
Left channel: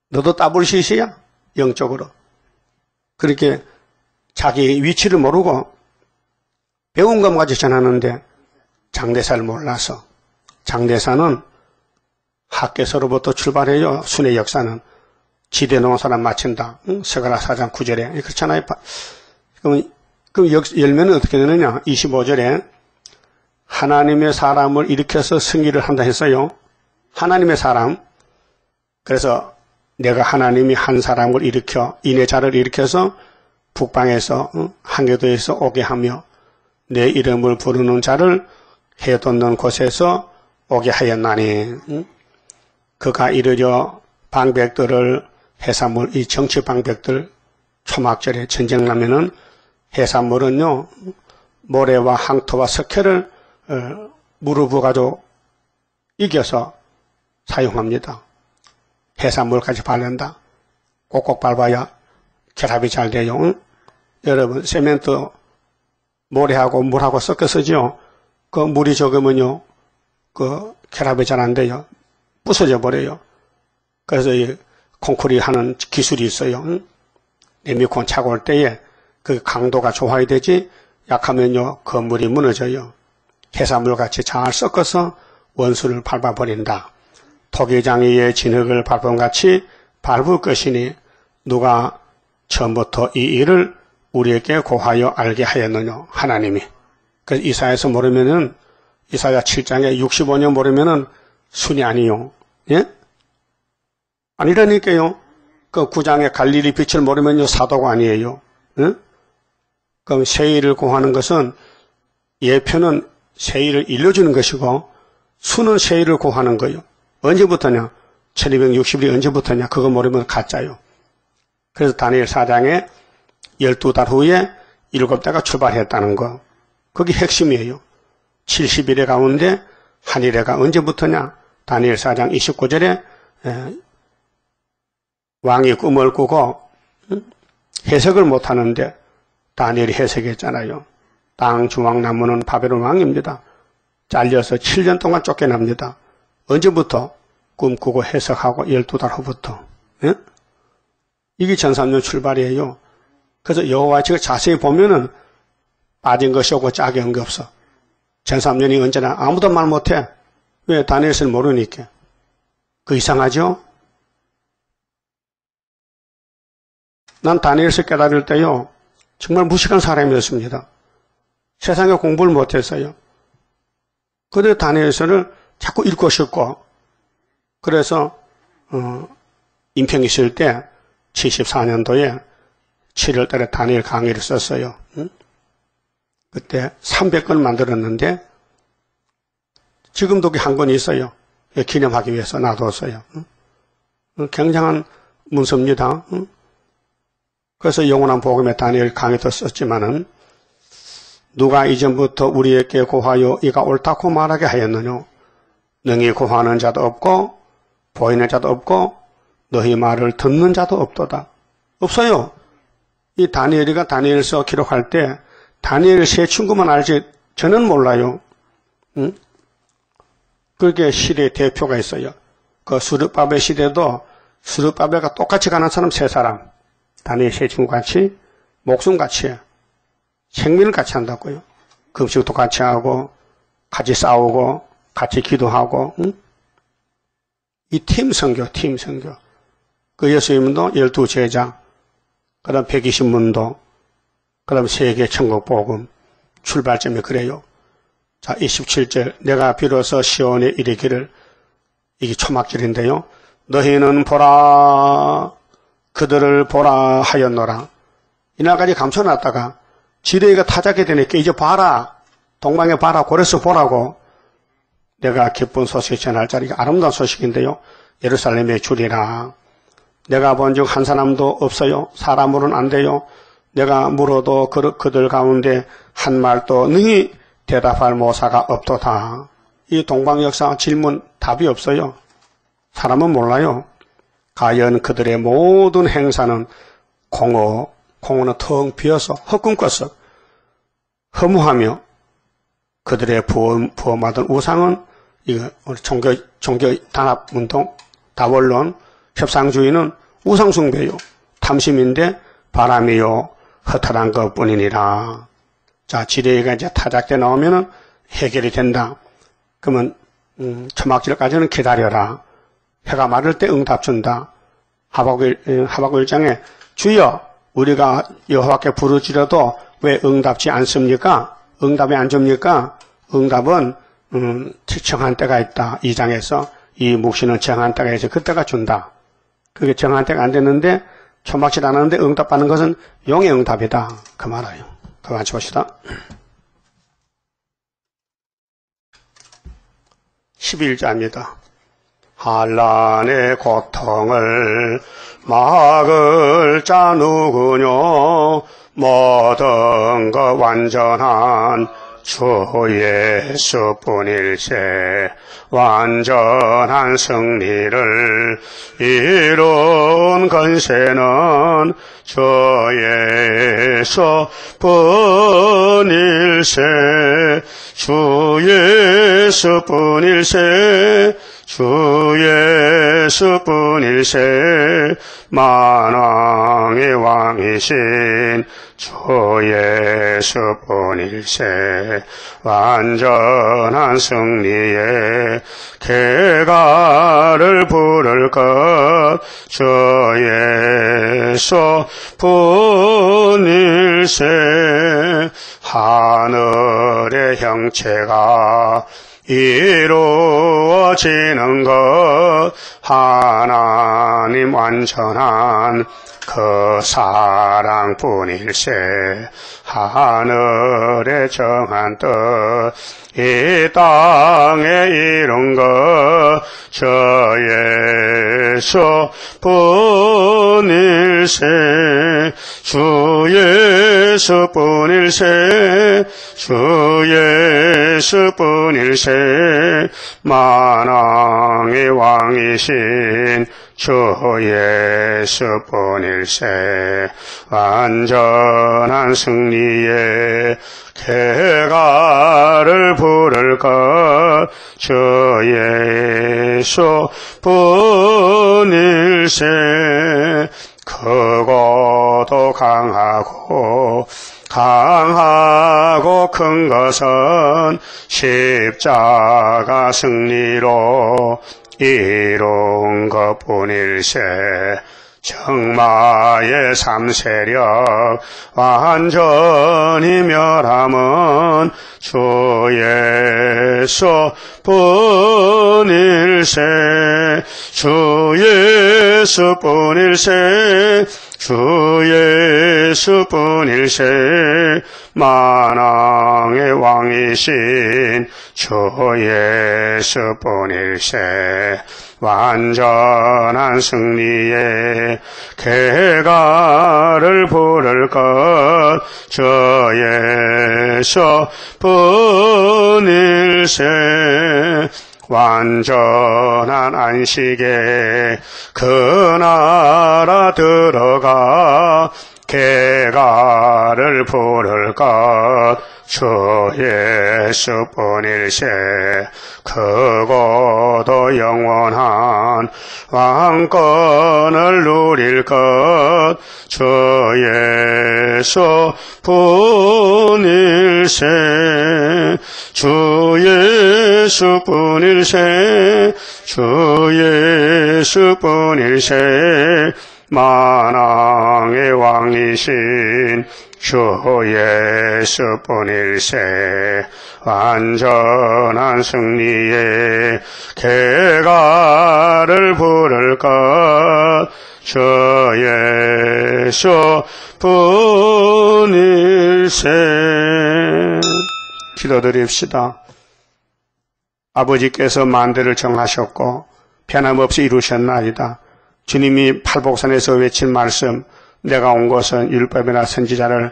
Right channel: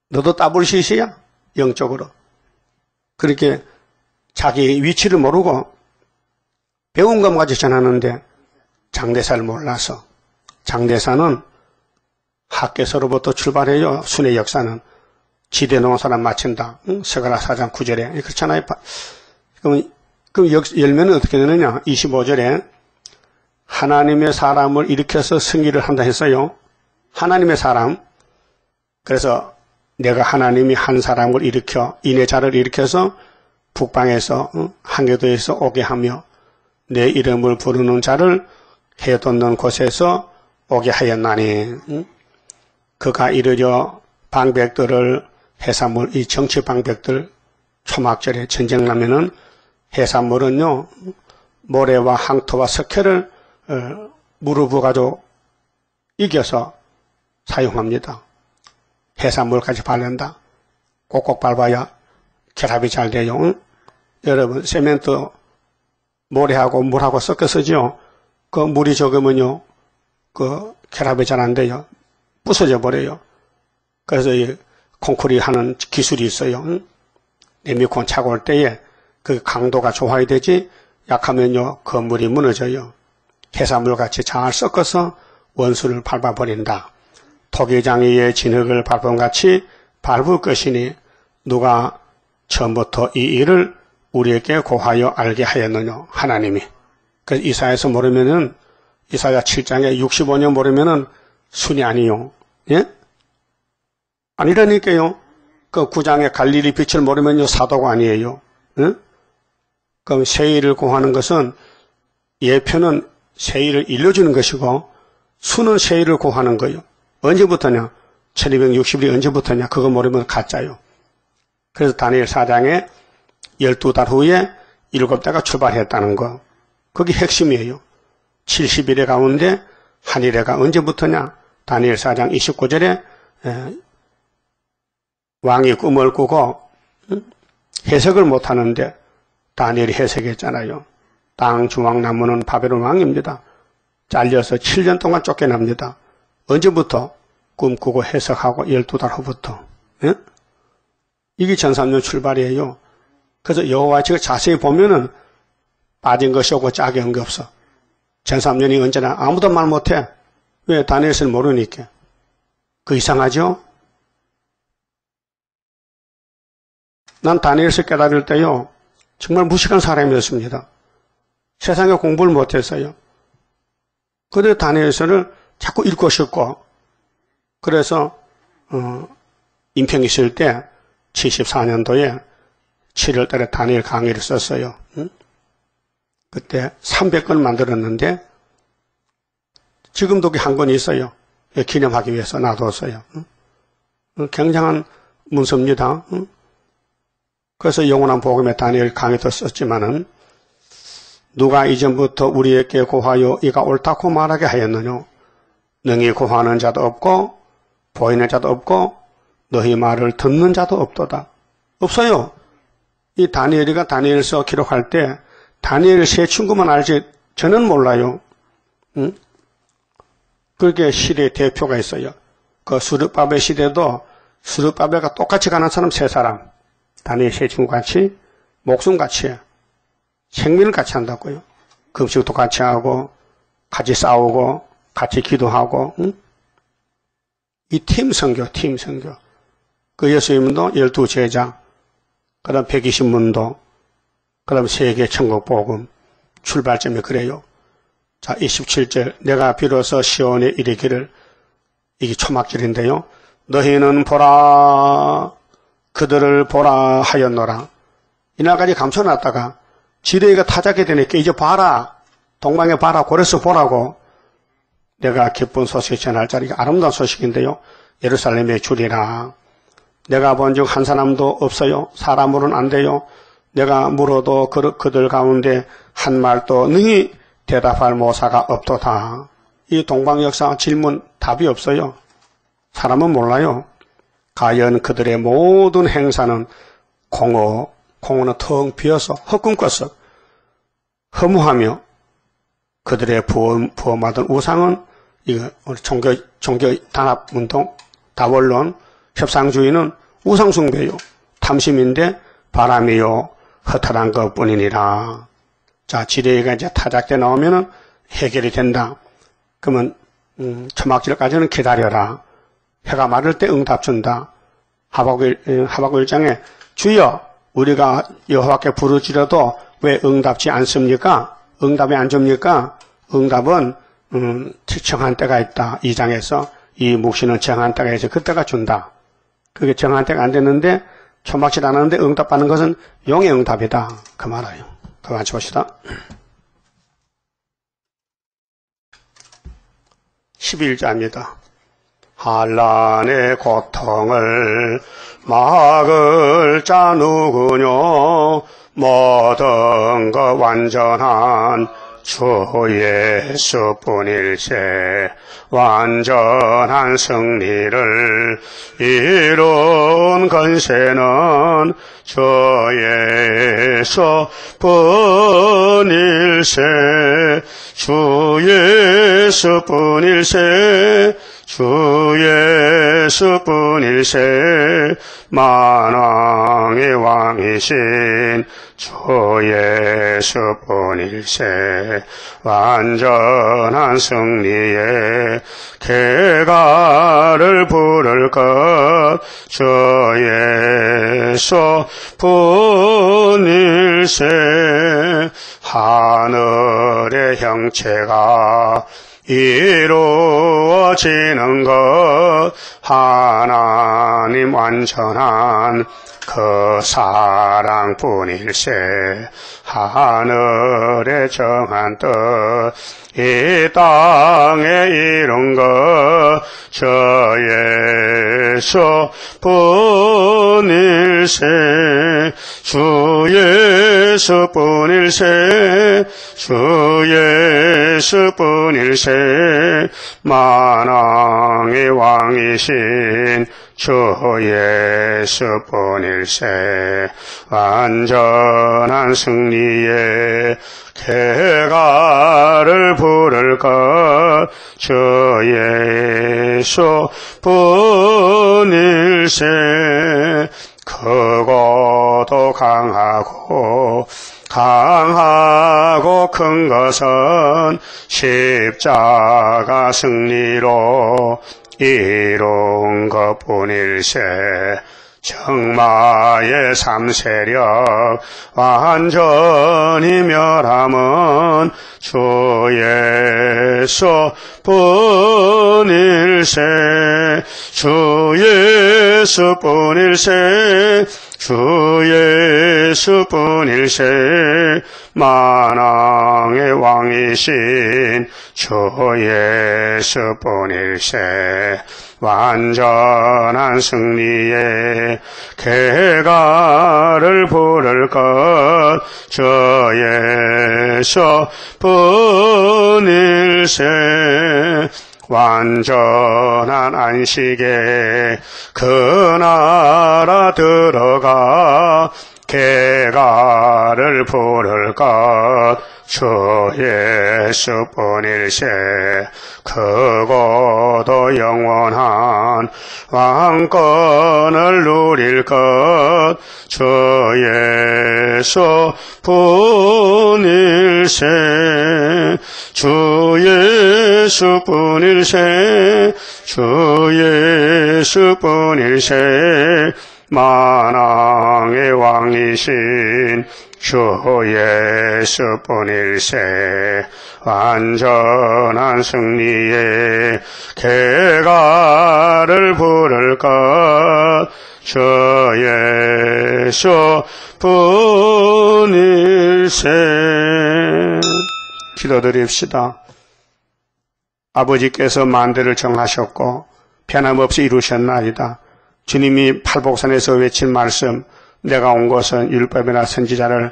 너도 따블시시야? 영적으로. 그렇게 자기 위치를 모르고 배운 것까지 전하는데 장대사를 몰라서. 장대사는 학계서로부터 출발해요. 순회 역사는. 지대 농사를 마친다. 스가랴 4장 9절에. 그렇잖아요. 그럼 열매는 어떻게 되느냐? 25절에 하나님의 사람을 일으켜서 승리를 한다 했어요. 하나님의 사람. 그래서 내가 하나님이 한 사람을 일으켜 인해자를 일으켜서 북방에서 한계도에서 오게 하며 내 이름을 부르는 자를 해돋는 곳에서 오게 하였나니 그가 이르려 방백들을 해산물, 이 정치 방백들 초막절에 전쟁 나면은 해산물은요 모래와 항토와 석회를 무릎을 가지고 이겨서 사용합니다. 해산물까지 바른다. 꼭꼭 밟아야 결합이 잘 돼요. 응? 여러분 세멘트 모래하고 물하고 섞어 쓰죠. 그 물이 적으면요 그 결합이 잘 안 돼요. 부서져 버려요. 그래서 이 콘크리트 하는 기술이 있어요. 응? 리모컨 차고 올 때에 그 강도가 좋아야 되지 약하면요 건물이 무너져요. 해산물같이 잘 섞어서 원수를 밟아버린다. 토기장이의 진흙을 밟음같이 밟을 것이니 누가 처음부터 이 일을 우리에게 고하여 알게 하였느냐. 하나님이. 그래서 이사야에서 모르면은 이사야 7장에 65년 모르면은 순이 아니요. 예? 아니라니까요. 그 9장에 갈릴리 빛을 모르면요 사도가 아니에요. 예? 그럼 세일을 고하는 것은 예표는 세일을 일러주는 것이고 수는 세일을 고하는 거예요. 언제부터냐? 1260일이 언제부터냐? 그거 모르면 가짜요. 그래서 다니엘 4장에 12달 후에 7대가 출발했다는 거. 그게 핵심이에요. 70일의 가운데 한일해가 언제부터냐? 다니엘 4장 29절에 왕이 꿈을 꾸고 해석을 못하는데 다니엘이 해석했잖아요. 땅 주왕나무는 바벨론 왕입니다. 잘려서 7년 동안 쫓겨납니다. 언제부터? 꿈꾸고 해석하고 12달 후부터. 예? 이게 전삼년 출발이에요. 그래서 여호와 지금 자세히 보면은 빠진 것이 없고 짝이 온 게 없어. 전삼년이 언제나 아무도 말 못해. 왜? 다니엘서는 모르니까. 그 이상하죠? 난 다니엘서 깨달을 때요. 정말 무식한 사람이었습니다. 세상에 공부를 못했어요. 그래서 다니엘서를 자꾸 읽고 싶고 그래서 인평 있을 때 74년도에 7월달에 다니엘 강의를 썼어요. 그때 300권 만들었는데 지금도 한 권 있어요. 기념하기 위해서 놔뒀어요. 굉장한 문서입니다. 그래서 영원한 복음의 다니엘 강의도 썼지만은 누가 이전부터 우리에게 고하여 이가 옳다고 말하게 하였느냐. 능히 구하는 자도 없고 보이는 자도 없고 너희 말을 듣는 자도 없도다. 없어요. 이 다니엘이가 다니엘서 기록할 때 다니엘 세 친구만 알지 저는 몰라요. 응? 그게 시대의 대표가 있어요. 그 스룹바벨 시대도 스룹바벨과 똑같이 가는 사람 세 사람. 다니엘 세 친구 같이 목숨같이 생명을 같이 한다고요. 금식도 같이 하고 같이 싸우고 같이 기도하고 응? 이 팀 선교. 그 예수님도 12제자 그 다음 120문도 그 다음 세계 천국복음 출발점이 그래요. 자 27절 내가 비로소 시온에 이르기를 이게 초막절인데요. 너희는 보라 그들을 보라 하였노라. 이날까지 감춰놨다가 지뢰가 타작게 되니까 이제 봐라. 동방에 봐라. 고레스 보라고. 내가 기쁜 소식 전할 자리가 아름다운 소식인데요. 예루살렘에 주리라. 내가 본 적 한 사람도 없어요. 사람으로는 안 돼요. 내가 물어도 그들 가운데 한 말도 능히 대답할 모사가 없도다. 이 동방 역사 질문 답이 없어요. 사람은 몰라요. 과연 그들의 모든 행사는 공허는 텅 비어서 헛꿈꿨어. 허무하며 그들의 부험하던 우상은 이거 우리 종교 단합운동, 다원론, 협상주의는 우상숭배요. 탐심인데 바람이요 허탈한 것뿐이니라. 자, 지뢰가 이제 타작돼 나오면은 해결이 된다. 그러면 초막절까지는 기다려라. 해가 마를 때 응답 준다. 하박국 1장에 주여 우리가 여호와께 부르짖어도 왜 응답지 않습니까? 응답이 안 줍니까? 응답은 정한 때가 있다. 2장에서 이 묵시는 정한 때가 있어. 그때가 준다. 그게 정한 때가 안 됐는데 초막절 안 하는데 응답받는 것은 용의 응답이다. 그 말이에요. 그 같이 봅시다. 11자입니다. 한란의 고통을 막을 자 누구뇨? 모든 것 완전한 주 예수뿐일세. 완전한 승리를 이룬 건세는 주 예수뿐일세. 주 예수뿐일세. 주 예수뿐일세. 만왕의 왕이신 주 예수뿐일세. 완전한 승리에 개가를 부를 것 주 예수뿐일세. 하늘의 형체가 이루어지는 것 하나님 완전한 그 사랑뿐일세. 하늘의 정한 뜻 이 땅에 이룬 것 저 예수뿐일세. 주 예수뿐일세. 주 예수뿐일세. 만왕의 왕이신 주 예수뿐일세. 완전한 승리에 개가를 부를 것 주 예수뿐일세. 크고도 강하고 큰 것은 십자가 승리로 이룬 것뿐일세. 정마의 삼세력 완전히 멸함은 주 예수뿐일세. 주 예수뿐일세. 주 예수뿐일세. 만왕의 왕이신 주 예수뿐일세. 완전한 승리에 개가를 부를 것 저 예수뿐일세. 완전한 안식에 그 나라 들어가 개가를 부를 것 주 예수뿐일세. 크고도 영원한 왕권을 누릴 것 주 예수뿐일세. 주 예수뿐일세. 주 예수뿐일세. 만왕의 왕이신 주 예수뿐일세. 완전한 승리에 개가를 부를 것 주 예수뿐일세. 기도드립시다. 아버지께서 만대를 정하셨고 변함없이 이루셨나이다. 주님이 팔복산에서 외친 말씀, 내가 온 것은 율법이나 선지자를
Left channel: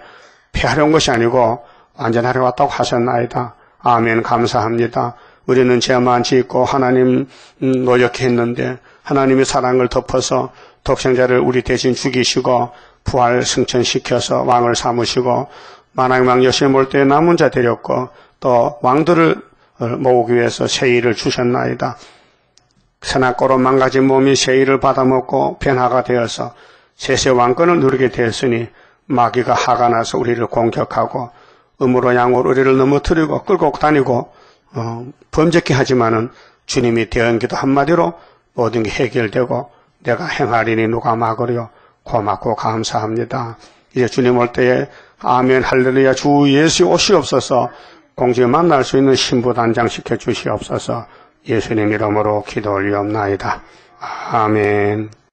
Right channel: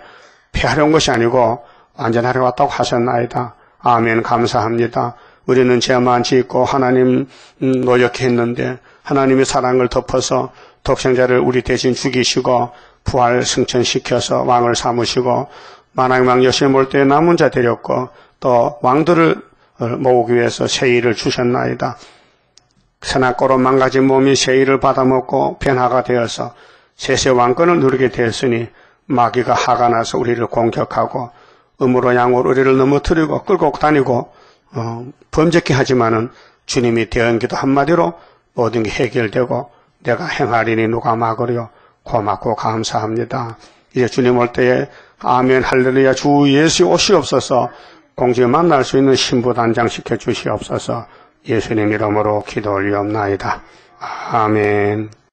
폐하려 온 것이 아니고 완전하려 왔다고 하셨나이다. 아멘. 감사합니다. 우리는 죄만 짓고 하나님 노력했는데 하나님의 사랑을 덮어서 독생자를 우리 대신 죽이시고 부활 승천시켜서 왕을 삼으시고 만왕의 왕 여신을 몰 때 남은 자 데렸고 또 왕들을 모으기 위해서 세일을 주셨나이다. 선악고로 망가진 몸이 세일을 받아먹고 변화가 되어서 세세 왕권을 누리게 되었으니 마귀가 화가 나서 우리를 공격하고 음으로 양으로 우리를 넘어뜨리고 끌고 다니고 범죄케 하지만은 주님이 대언기도 한마디로 모든 게 해결되고 내가 행하리니 누가 막으려. 고맙고 감사합니다. 이제 주님 올 때에 아멘 할렐루야 주 예수 오시옵소서. 공중에 만날 수 있는 신부 단장시켜 주시옵소서. 예수님 이름으로 기도 올리옵나이다. 아멘.